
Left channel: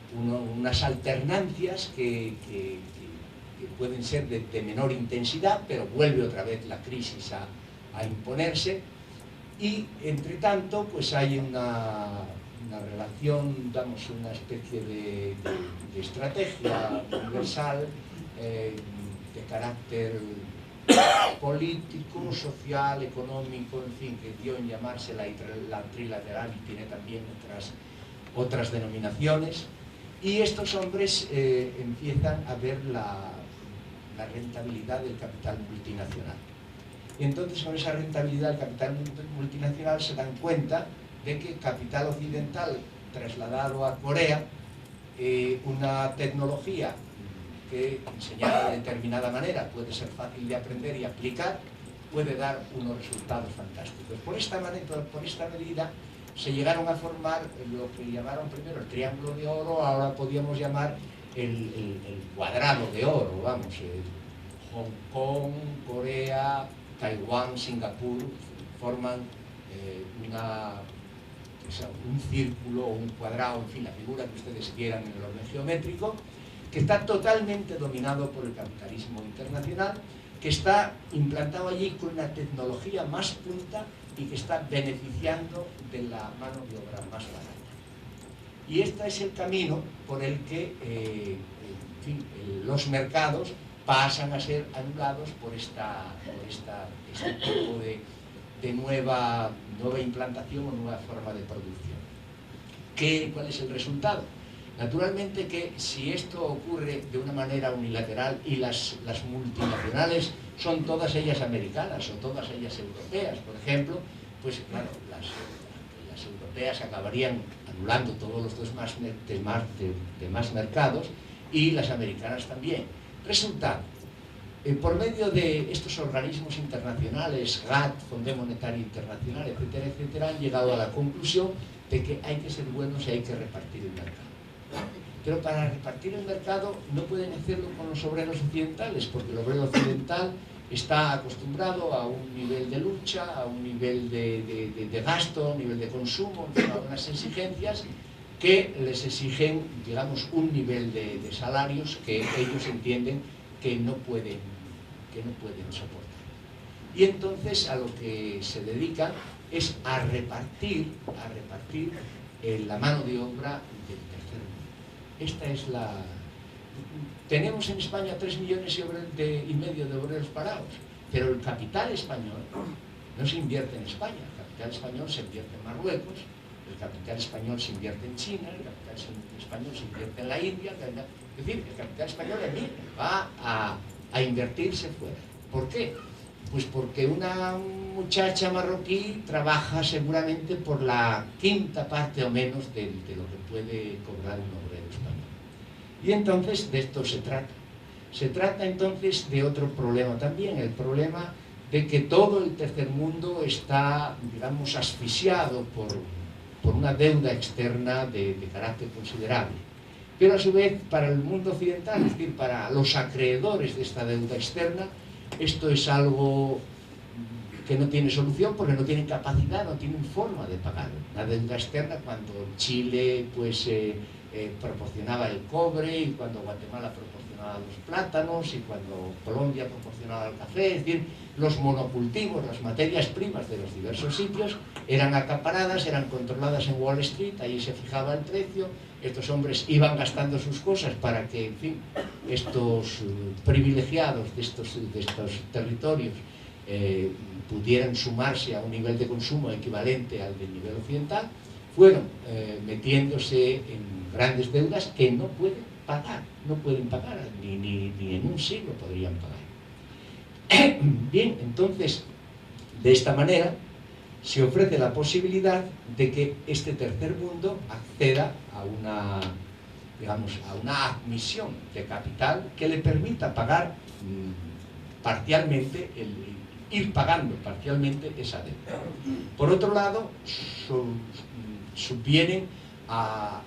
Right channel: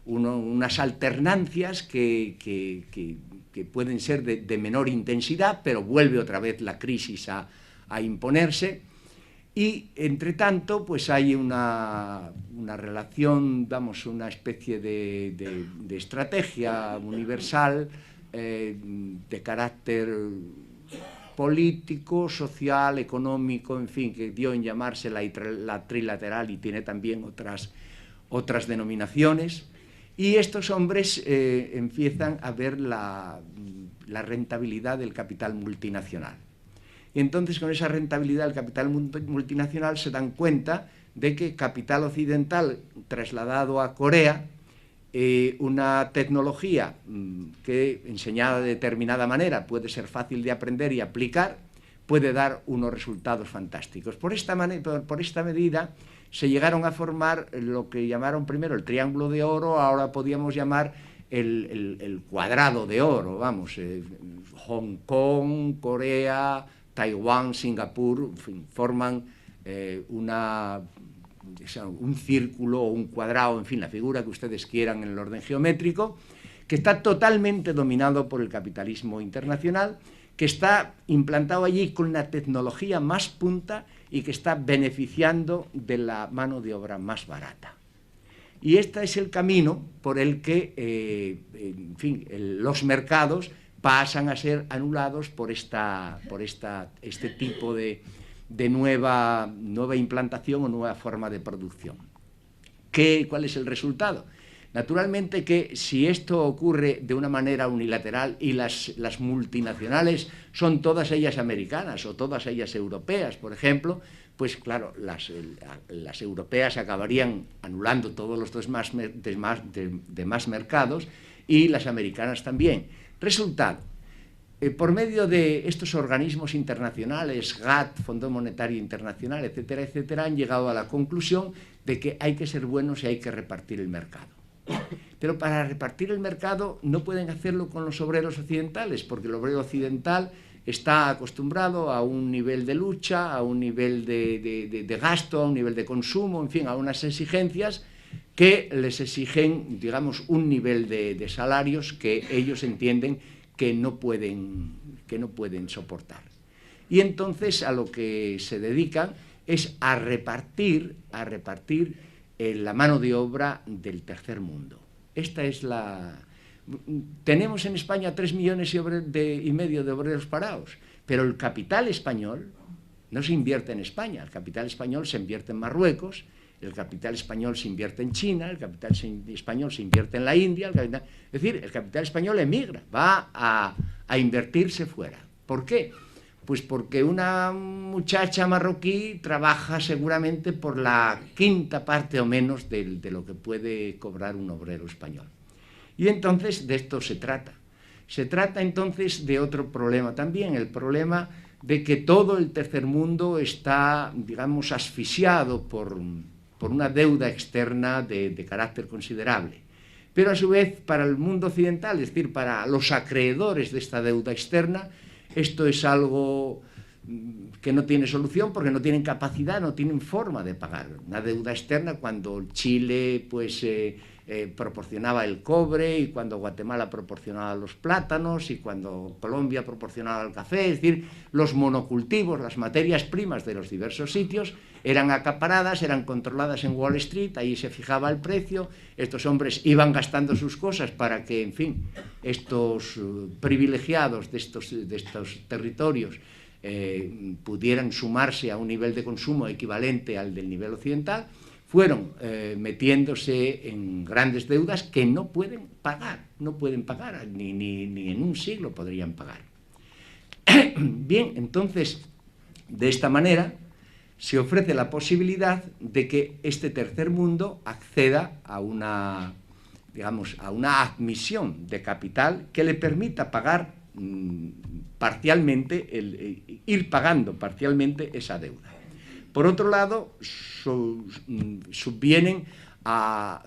unas alternancias que pueden ser de menor intensidad, pero vuelve otra vez la crisis a imponerse, y entre tanto pues hay una relación, vamos, una especie de estrategia universal de carácter político, social, económico, en fin, que dio en llamarse la trilateral y tiene también otras denominaciones, y estos hombres empiezan a ver la rentabilidad del capital multinacional. Y entonces con esa rentabilidad del capital multinacional se dan cuenta de que capital occidental trasladado a Corea, una tecnología que enseñada de determinada manera puede ser fácil de aprender y aplicar, puede dar unos resultados fantásticos. Por esta medida se llegaron a formar lo que llamaron primero el Triángulo de Oro, ahora podríamos llamar el Cuadrado de Oro, vamos, Hong Kong, Corea, Taiwán, Singapur, forman un círculo o un cuadrado, en fin, la figura que ustedes quieran en el orden geométrico, que está totalmente dominado por el capitalismo internacional, que está implantado allí con la tecnología más punta y que está beneficiando de la mano de obra más barata. Y este es el camino por el que, en fin, los mercados pasan a ser anulados por este tipo de nueva implantación o nueva forma de producción. ¿Cuál es el resultado? Naturalmente que si esto ocurre de una manera unilateral y las multinacionales son todas ellas americanas o todas ellas europeas, por ejemplo, pues claro, las europeas acabarían anulando todos los demás mercados y las americanas también. Resultado, por medio de estos organismos internacionales, GATT, Fondo Monetario Internacional, etcétera, etcétera, han llegado a la conclusión de que hay que ser buenos y hay que repartir el mercado. Pero para repartir el mercado no pueden hacerlo con los obreros occidentales, porque el obrero occidental está acostumbrado a un nivel de lucha, a un nivel de gasto, a un nivel de consumo, en fin, a unas exigencias que les exigen, digamos, un nivel de salarios que ellos entienden que no pueden soportar. Y entonces a lo que se dedican es a repartir la mano de obra del tercer mundo. Esta es la... Tenemos en España 3,5 millones de obreros parados, pero el capital español no se invierte en España, el capital español se invierte en Marruecos, el capital español se invierte en China, el capital español se invierte en la India, es decir, el capital español emigra, va a invertirse fuera. ¿Por qué? Pues porque una muchacha marroquí trabaja seguramente por la quinta parte o menos de lo que puede cobrar un obrero español. Y entonces de esto se trata. Se trata entonces de otro problema también, el problema de que todo el tercer mundo está, digamos, asfixiado por una deuda externa de carácter considerable. Pero a su vez, para el mundo occidental, es decir, para los acreedores de esta deuda externa, esto es algo que no tiene solución porque no tienen capacidad, no tienen forma de pagarlo. Una deuda externa cuando Chile proporcionaba el cobre y cuando Guatemala proporcionaba los plátanos y cuando Colombia proporcionaba el café, es decir, los monocultivos, las materias primas de los diversos sitios eran acaparadas, eran controladas en Wall Street, ahí se fijaba el precio, estos hombres iban gastando sus cosas para que, en fin, estos privilegiados de estos territorios pudieran sumarse a un nivel de consumo equivalente al del nivel occidental, fueron metiéndose en grandes deudas que no pueden pagar, ni en un siglo podrían pagar. Bien, entonces, de esta manera se ofrece la posibilidad de que este tercer mundo acceda a una admisión de capital que le permita pagar ir pagando parcialmente esa deuda. Por otro lado, subvienen a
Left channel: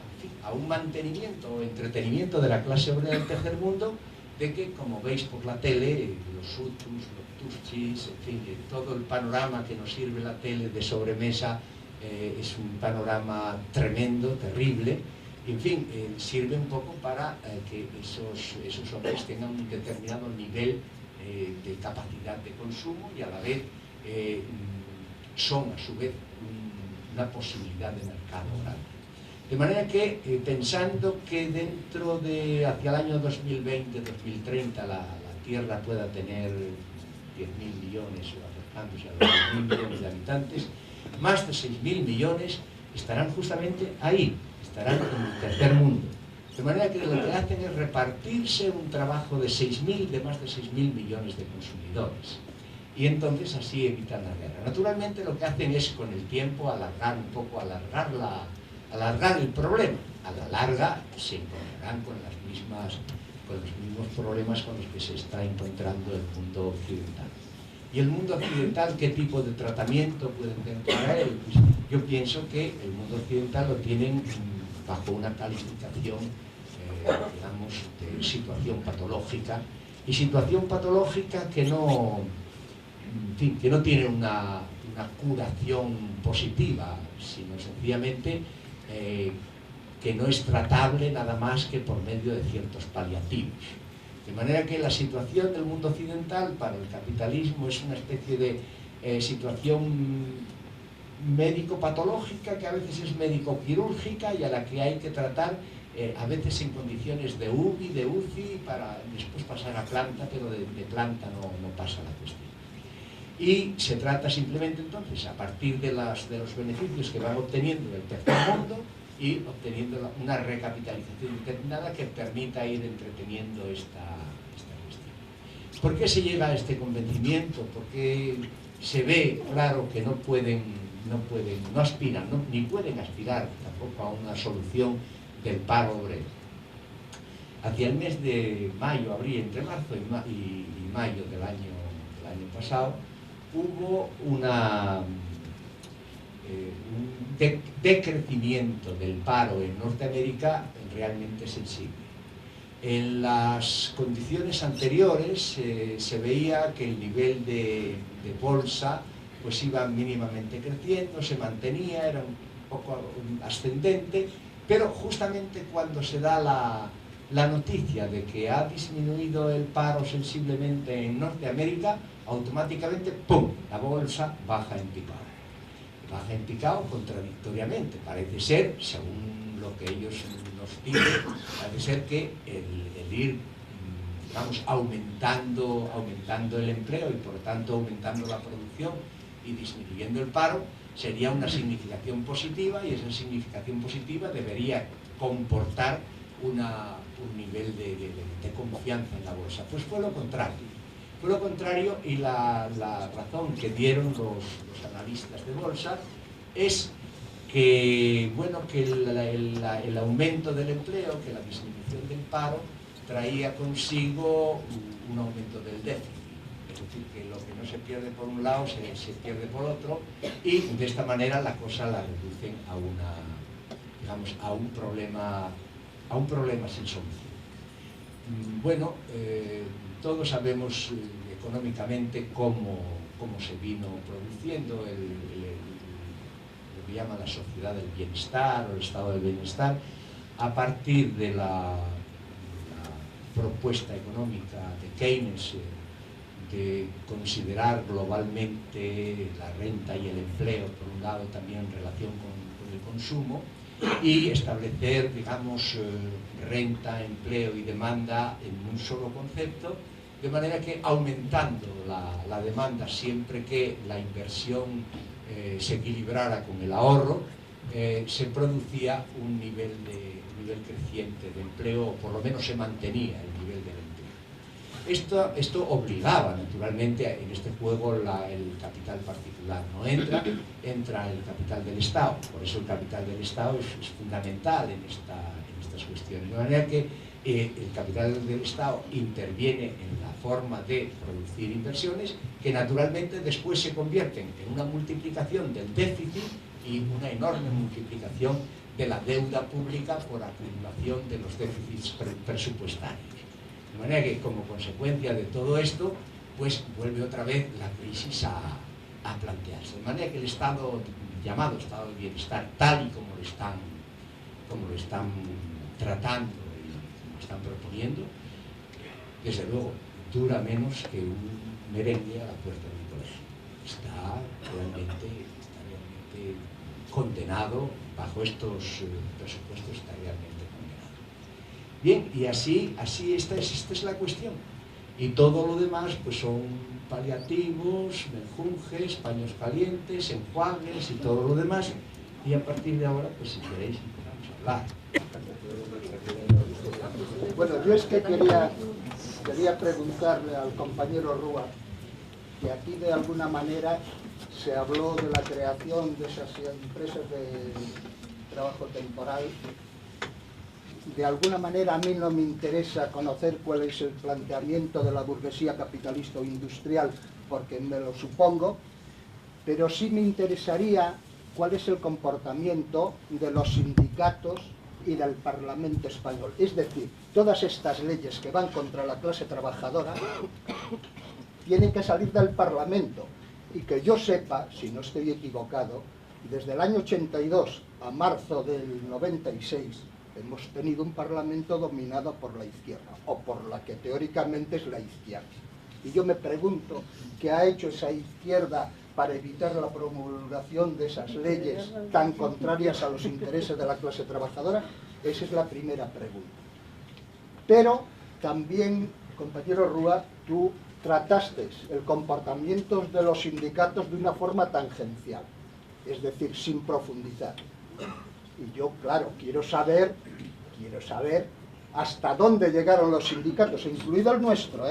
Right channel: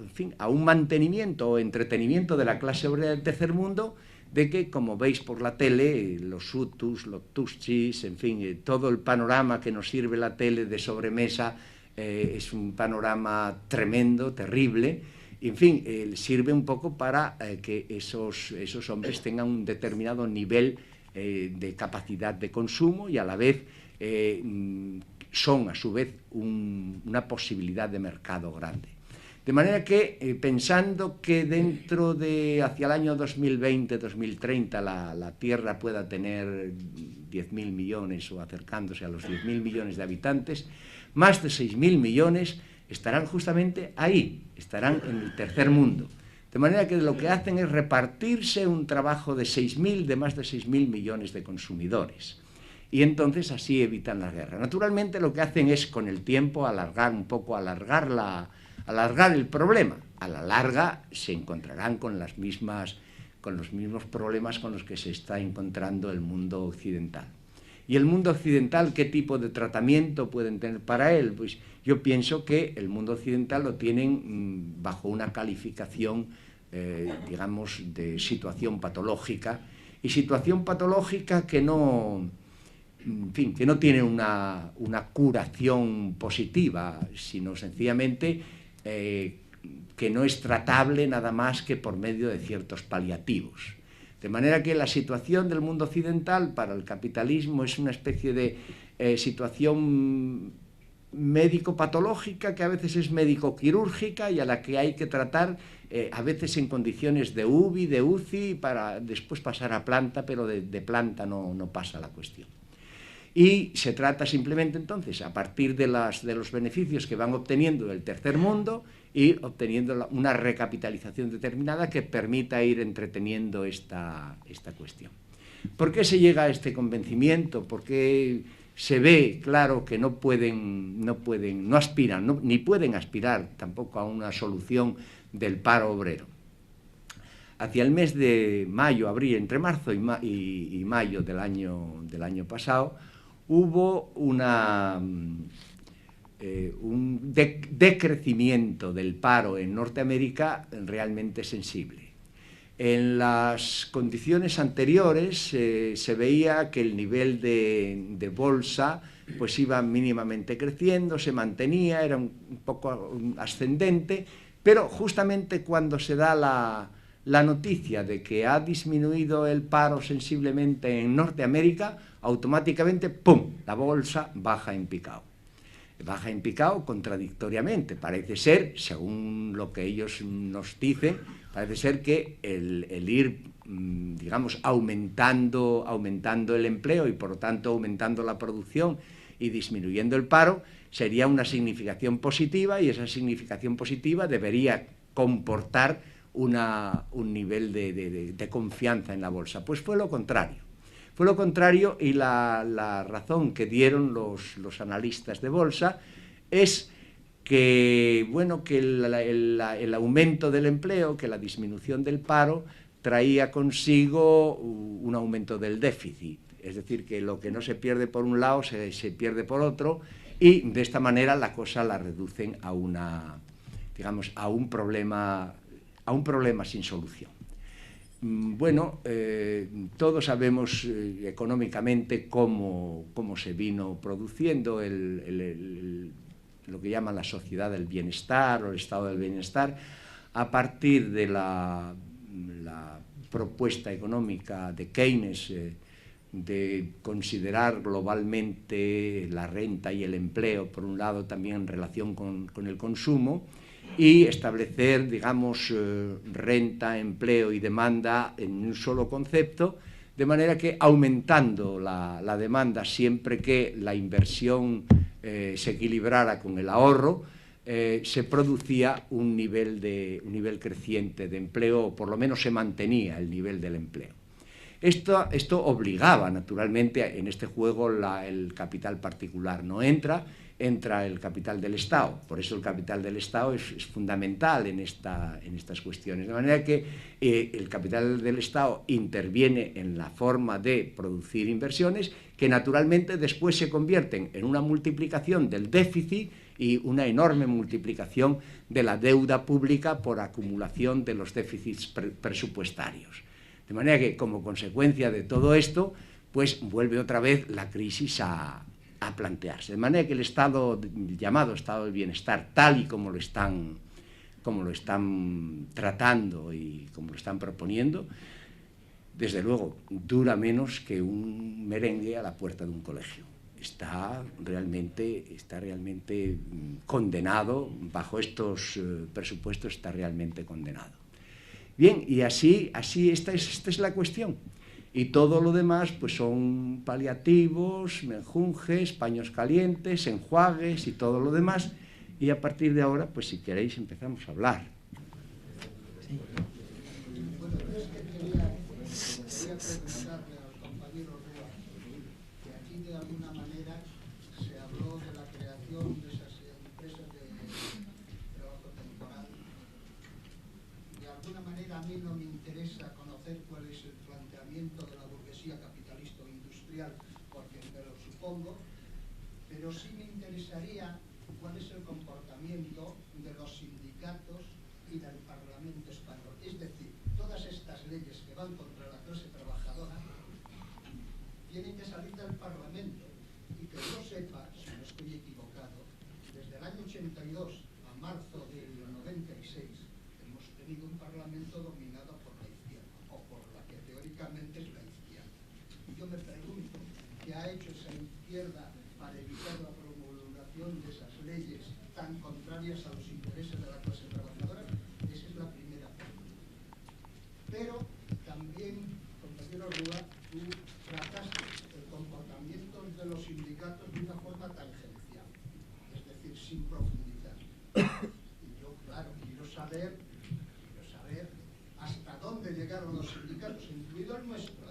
un mantenimiento o entretenimiento de la clase obrera del tercer mundo, de que, como veis por la tele, los Hutus, los Tutsis, en fin, todo el panorama que nos sirve la tele de sobremesa es un panorama tremendo, terrible, y en fin, sirve un poco para que esos hombres tengan un determinado nivel de capacidad de consumo y a la vez son a su vez una posibilidad de mercado grande. De manera que, pensando que dentro de, hacia el año 2020-2030, la Tierra pueda tener 10.000 millones o acercándose a los 10.000 millones de habitantes, más de 6.000 millones estarán justamente ahí, estarán en el tercer mundo. De manera que lo que hacen es repartirse un trabajo de más de 6.000 millones de consumidores. Y entonces así evitan la guerra. Naturalmente lo que hacen es con el tiempo alargar el problema. A la larga se encontrarán con los mismos problemas con los que se está encontrando el mundo occidental. ¿Y el mundo occidental qué tipo de tratamiento pueden tener para él? Pues yo pienso que el mundo occidental lo tienen bajo una calificación, digamos, de situación patológica, y situación patológica que no en fin, que no tiene una curación positiva, sino sencillamente que no es tratable nada más que por medio de ciertos paliativos. De manera que la situación del mundo occidental para el capitalismo es una especie de situación médico-patológica, que a veces es médico-quirúrgica y a la que hay que tratar a veces en condiciones de UBI, de UCI, para después pasar a planta, pero de planta no pasa la cuestión. Y se trata simplemente entonces, a partir de los beneficios que van obteniendo del tercer mundo, ir obteniendo una recapitalización determinada que permita ir entreteniendo esta cuestión. ¿Por qué se llega a este convencimiento? Porque se ve claro que no aspiran, ni pueden aspirar tampoco a una solución del paro obrero. Hacia el mes de mayo, abril, entre marzo y mayo del año pasado, hubo un decrecimiento del paro en Norteamérica realmente sensible. En las condiciones anteriores se veía que el nivel de bolsa pues iba mínimamente creciendo, se mantenía, era un poco ascendente, pero justamente cuando se da la noticia de que ha disminuido el paro sensiblemente en Norteamérica, automáticamente, ¡pum!, la bolsa baja en picado. Baja en picado contradictoriamente. Parece ser, según lo que ellos nos dicen, parece ser que el ir, digamos, aumentando el empleo y por lo tanto aumentando la producción y disminuyendo el paro sería una significación positiva, y esa significación positiva debería comportar un nivel de confianza en la bolsa. Pues fue lo contrario. Fue lo contrario, y la razón que dieron los analistas de bolsa es que, bueno, que el aumento del empleo, que la disminución del paro traía consigo un aumento del déficit. Es decir, que lo que no se pierde por un lado se pierde por otro, y de esta manera la cosa la reducen a un problema sin solución. Bueno, todos sabemos económicamente cómo se vino produciendo lo que llaman la sociedad del bienestar o el estado del bienestar, a partir de la propuesta económica de Keynes, de considerar globalmente la renta y el empleo, por un lado también en relación con el consumo, y establecer, digamos, renta, empleo y demanda en un solo concepto, de manera que aumentando la demanda siempre que la inversión se equilibrara con el ahorro, se producía un nivel creciente de empleo, o por lo menos se mantenía el nivel del empleo. Esto obligaba, naturalmente, en este juego el capital particular no entra el capital del Estado. Por eso el capital del Estado es fundamental en estas cuestiones. De manera que el capital del Estado interviene en la forma de producir inversiones, que naturalmente después se convierten en una multiplicación del déficit y una enorme multiplicación de la deuda pública por acumulación de los déficits presupuestarios. De manera que, como consecuencia de todo esto, pues vuelve otra vez la crisis a plantearse. De manera que el estado, llamado estado de bienestar, tal y como lo están tratando y como lo están proponiendo, desde luego dura menos que un merengue a la puerta de un colegio. Está realmente condenado, bajo estos presupuestos está realmente condenado. Bien, y así esta es la cuestión. Y todo lo demás pues son paliativos, menjunjes, paños calientes, enjuagues y todo lo demás. Y a partir de ahora, pues si queréis empezamos a hablar. Bueno, yo es que quería preguntarle al compañero Rúa, que aquí de alguna manera se habló de la creación de esas empresas de trabajo temporal. De alguna manera a mí no me interesa conocer cuál es el planteamiento de la burguesía capitalista o industrial, porque me lo supongo, pero sí me interesaría cuál es el comportamiento de los sindicatos y del Parlamento español. Es decir, todas estas leyes que van contra la clase trabajadora, tiene que salir del Parlamento. Y que yo sepa, si no estoy equivocado, desde el año 82 a marzo del 96 hemos tenido un Parlamento dominado por la izquierda, o por la que teóricamente es la izquierda. Y yo me pregunto, ¿qué ha hecho esa izquierda para evitar la promulgación de esas leyes tan contrarias a los intereses de la clase trabajadora? Esa es la primera pregunta. Pero también, compañero Rúa, tú trataste el comportamiento de los sindicatos de una forma tangencial, es decir, sin profundizar. Y yo, claro, quiero saber hasta dónde llegaron los sindicatos, incluido el nuestro,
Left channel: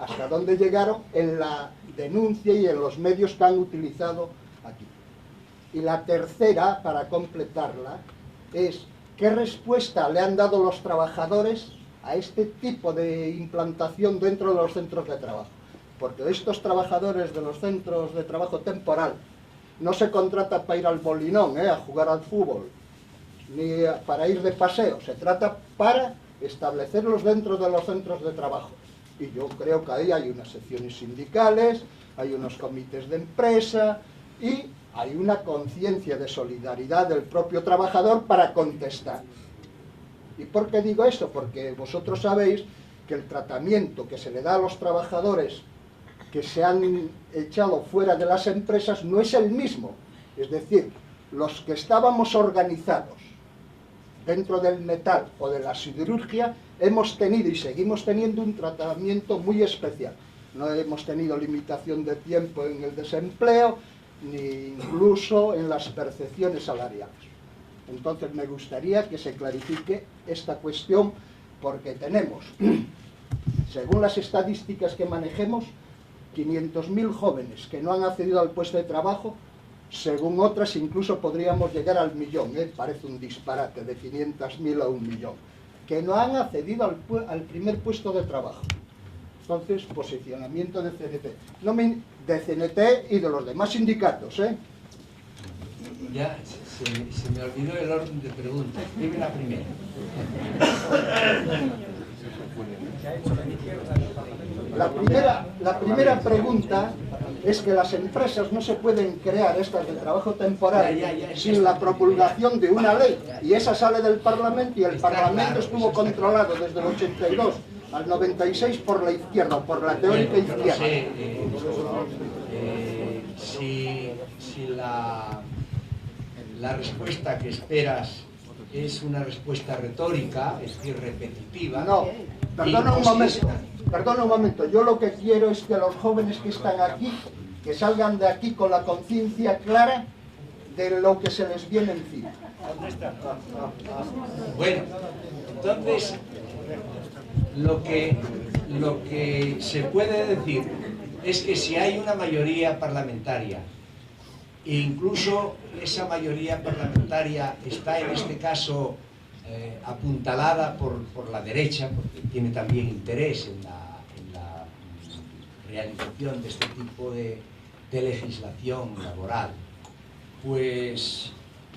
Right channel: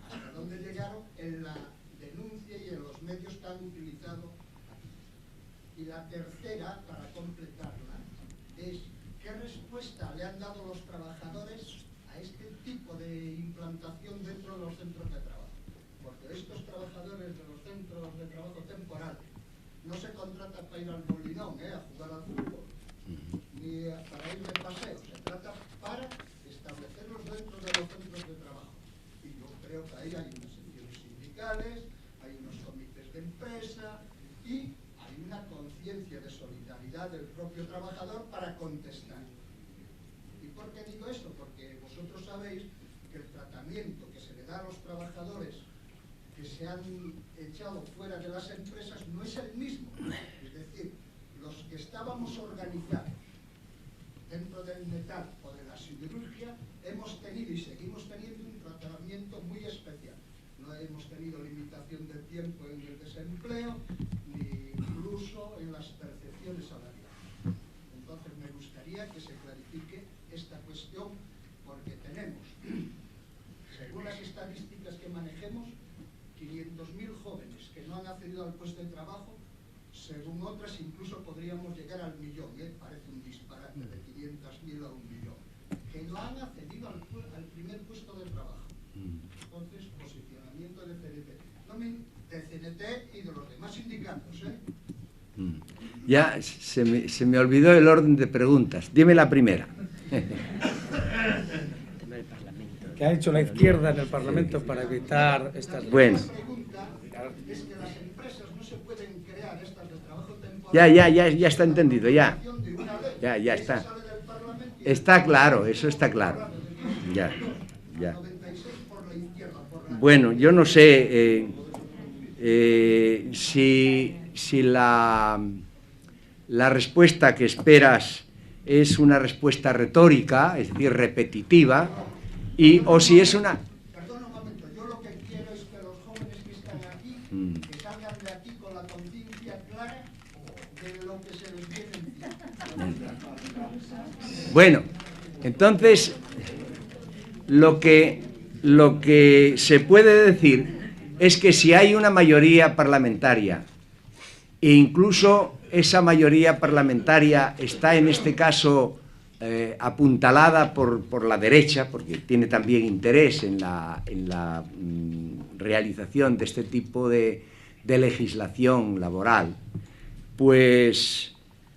hasta dónde llegaron en la denuncia y en los medios que han utilizado aquí. Y la tercera, para completarla, es ¿qué respuesta le han dado los trabajadores a este tipo de implantación dentro de los centros de trabajo? Porque estos trabajadores de los centros de trabajo temporal no se contrata para ir al Molinón, a jugar al fútbol, ni para ir de paseo, se trata para establecerlos dentro de los centros de trabajo. Y yo creo que ahí hay unas secciones sindicales, hay unos comités de empresa y hay una conciencia de solidaridad del propio trabajador para contestar. ¿Y por qué digo esto? Porque vosotros sabéis que el tratamiento que se le da a los trabajadores que se han echado fuera de las empresas no es el mismo. Es decir, los que estábamos organizados dentro del metal o de la siderurgia hemos tenido y seguimos teniendo un tratamiento muy especial. No hemos tenido limitación de tiempo en el desempleo, ni incluso en las percepciones salariales. Entonces me gustaría que se clarifique esta cuestión, porque tenemos, según las estadísticas que manejemos, 500.000 jóvenes que no han accedido al puesto de trabajo. Según otras, incluso podríamos llegar al millón, parece un disparate, de 500.000 a 1 millón, que no han accedido al primer puesto de trabajo. Entonces, posicionamiento de CNT, de CNT y de los demás sindicatos, Ya se me olvidó el orden de preguntas. Dime la primera. ¿Qué ha hecho la izquierda en el Parlamento para La evitar primera pregunta es que las empresas no se pueden crear estas de trabajo temporal ya sin está la entendido, ya. promulgación de una ley. Ya Y esa está. sale del Parlamento y el Está Parlamento claro, estuvo eso está claro. controlado desde el 82 al 96 por la izquierda, por la Bueno, teórica yo no izquierda. sé si la respuesta que esperas es una respuesta retórica, es decir, repetitiva, No, o si es una... Perdona un momento, yo lo que quiero es que los jóvenes que están aquí, que salgan de aquí con la conciencia clara de lo que se les viene encima. Bueno, entonces, lo que se puede decir es que si hay una mayoría parlamentaria, e incluso esa mayoría parlamentaria está en este caso apuntalada por la derecha, porque tiene también interés en la realización de este tipo de legislación laboral, pues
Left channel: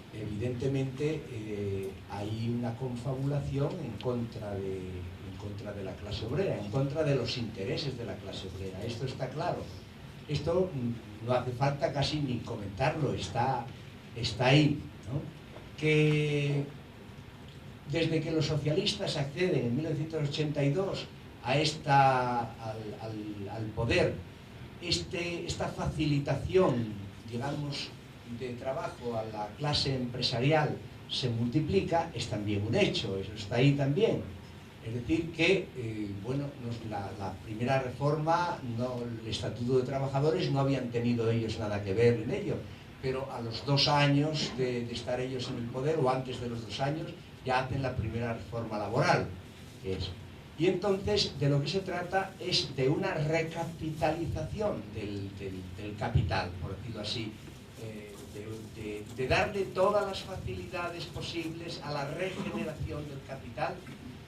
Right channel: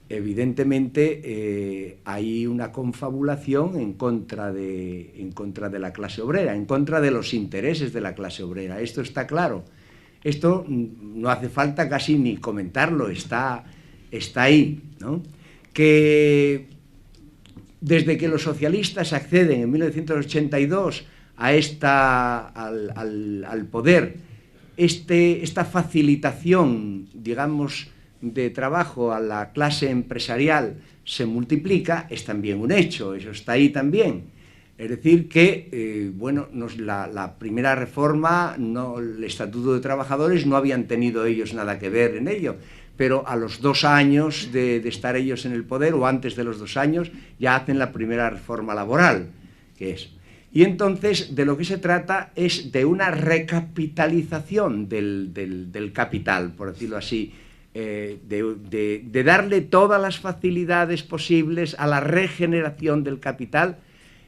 evidentemente hay una confabulación en contra de la clase obrera, en contra de los intereses de la clase obrera. Esto está claro. Esto no hace falta casi ni comentarlo, está ahí, ¿no? Que desde que los socialistas acceden en 1982 al poder, esta facilitación, digamos, de trabajo a la clase empresarial se multiplica, es también un hecho, eso está ahí también. Es decir que, bueno, la primera reforma, el Estatuto de Trabajadores, no habían tenido ellos nada que ver en ello, pero a los 2 años de estar ellos en el poder, o antes de los 2 años, ya hacen la primera reforma laboral, que es. Y entonces de lo que se trata es de una recapitalización del capital, por decirlo así, de darle todas las facilidades posibles a la regeneración del capital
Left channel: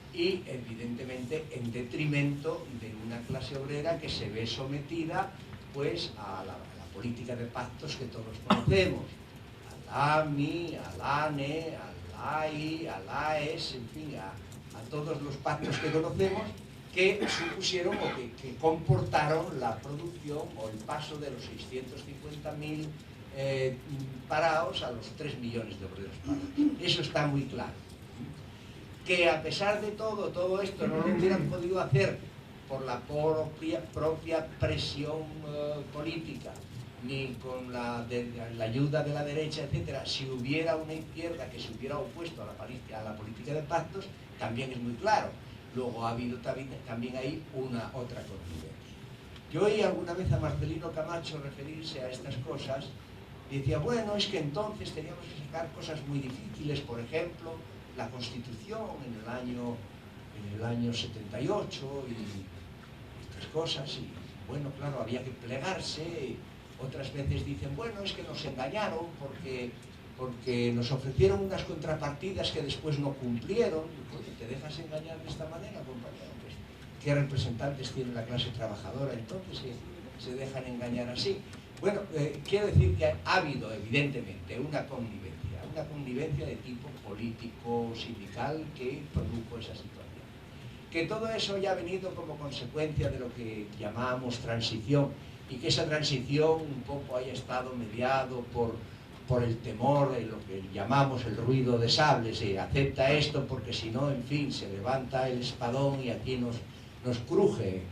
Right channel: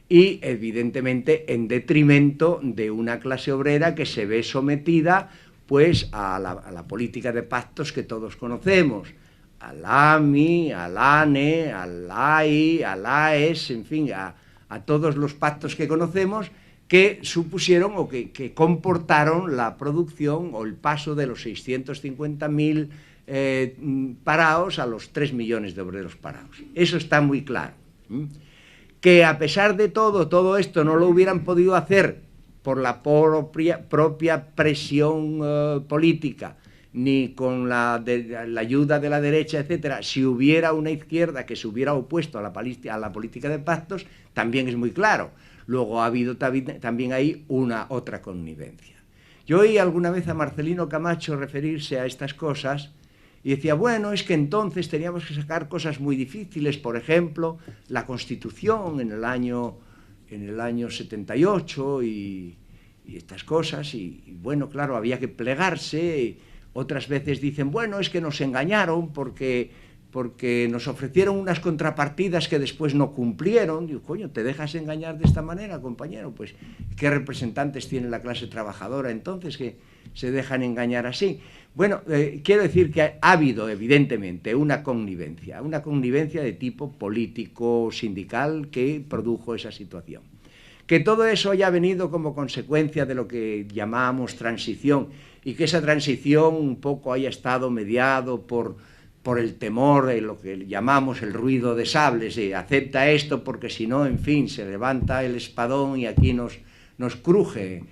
y, evidentemente, en detrimento de una clase obrera que se ve sometida pues a la política de pactos que todos conocemos, al AMI, al ANE, al AI, al AES, en fin, a todos los pactos que conocemos, que supusieron o que comportaron la producción o el paso de los 650.000 parados a los 3 millones de obreros parados. Eso está muy claro. Que a pesar de todo esto no lo hubieran podido hacer por la propia presión política, ni con la ayuda de la derecha, etcétera, si hubiera una izquierda que se hubiera opuesto a la política de pactos, también es muy claro. Luego ha habido también ahí otra connivencia. Yo oí alguna vez a Marcelino Camacho referirse a estas cosas y decía, bueno, es que entonces teníamos que sacar cosas muy difíciles, por ejemplo, la Constitución en el año 78 y estas cosas, y bueno, claro, había que plegarse. Otras veces dicen, bueno, es que nos engañaron porque nos ofrecieron unas contrapartidas que después no cumplieron. Digo, coño, ¿te dejas engañar de esta manera, compañero? Pues, ¿qué representantes tiene la clase trabajadora entonces que se dejan engañar así? Bueno, quiero decir que ha habido, evidentemente, una connivencia de tipo político, sindical, que produjo esa situación. Que todo eso haya venido como consecuencia de lo que llamamos transición, y que esa transición un poco haya estado mediado por el temor de lo que llamamos el ruido de sables, acepta esto porque si no, en fin, se levanta el espadón y aquí nos cruje.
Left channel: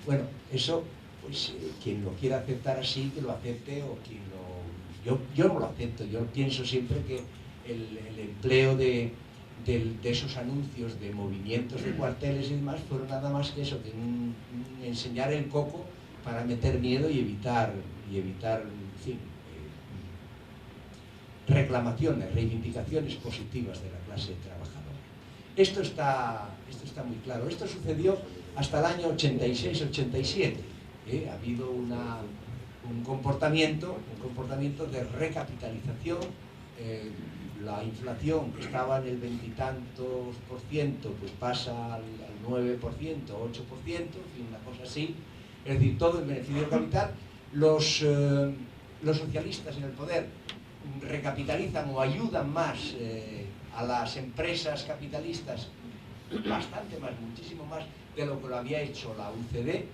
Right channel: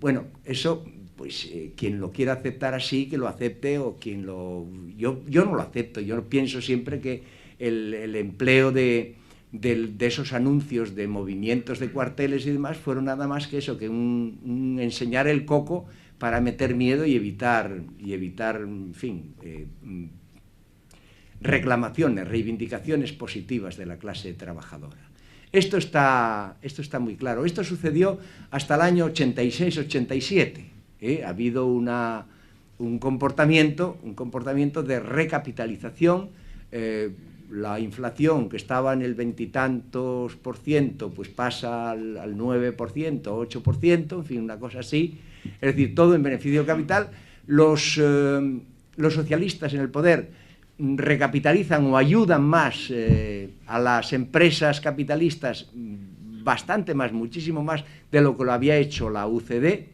Bueno, eso, pues quien lo quiera aceptar así, que lo acepte, o quien lo... Yo no lo acepto. Yo pienso siempre que el empleo de esos anuncios de movimientos de cuarteles y demás fueron nada más que eso, que un enseñar el coco para meter miedo y evitar en fin, reclamaciones, reivindicaciones positivas de la clase trabajadora. Esto está muy claro. Esto sucedió hasta el año 86-87. Ha habido un comportamiento de recapitalización. La inflación, que estaba en el 20 y tantos %, pues pasa al 9%, 8%, en fin, una cosa así. Es decir, todo en beneficio del capital. Los socialistas en el poder recapitalizan o ayudan más a las empresas capitalistas, bastante más, muchísimo más de lo que lo había hecho la UCD,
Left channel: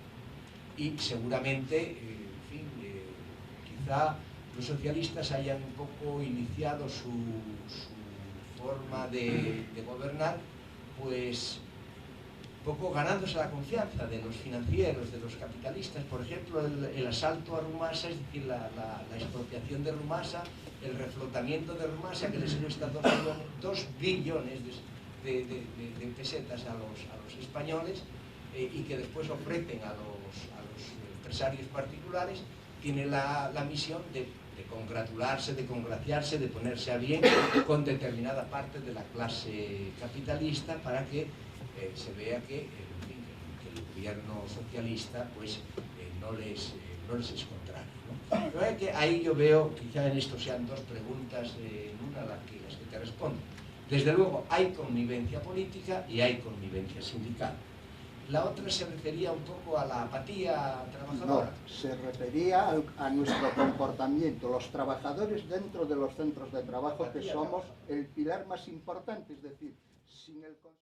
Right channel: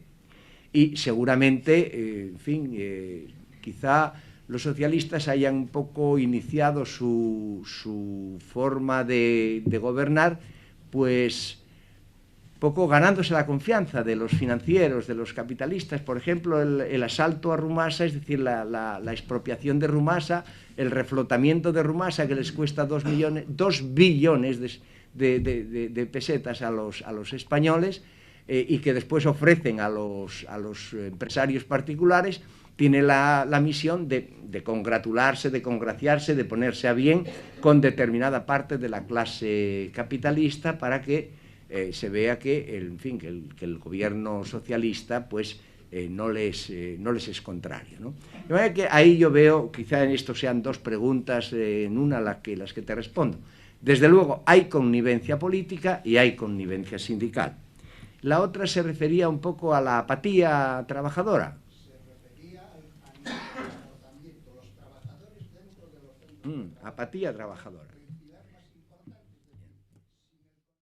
y seguramente, en fin, quizá los socialistas hayan un poco iniciado su forma de gobernar, pues poco ganándose la confianza de los financieros, de los capitalistas. Por ejemplo, el asalto a Rumasa, es decir, la expropiación de Rumasa, el reflotamiento de Rumasa, que les cuesta 2 billones de pesetas a los españoles, y que después ofrecen a los empresarios particulares, tiene la misión de congratularse, de congraciarse, de ponerse a bien con determinada parte de la clase capitalista para que se vea que el gobierno socialista pues no les es contrario, ¿no? De manera que ahí yo veo, quizá en esto sean dos preguntas en una las que te respondo. Desde luego hay connivencia política y hay connivencia sindical. La otra se refería un poco a la apatía trabajadora. No, se refería a nuestro comportamiento, los trabajadores dentro de los centros de trabajo, que somos el pilar más importante, es decir, sin el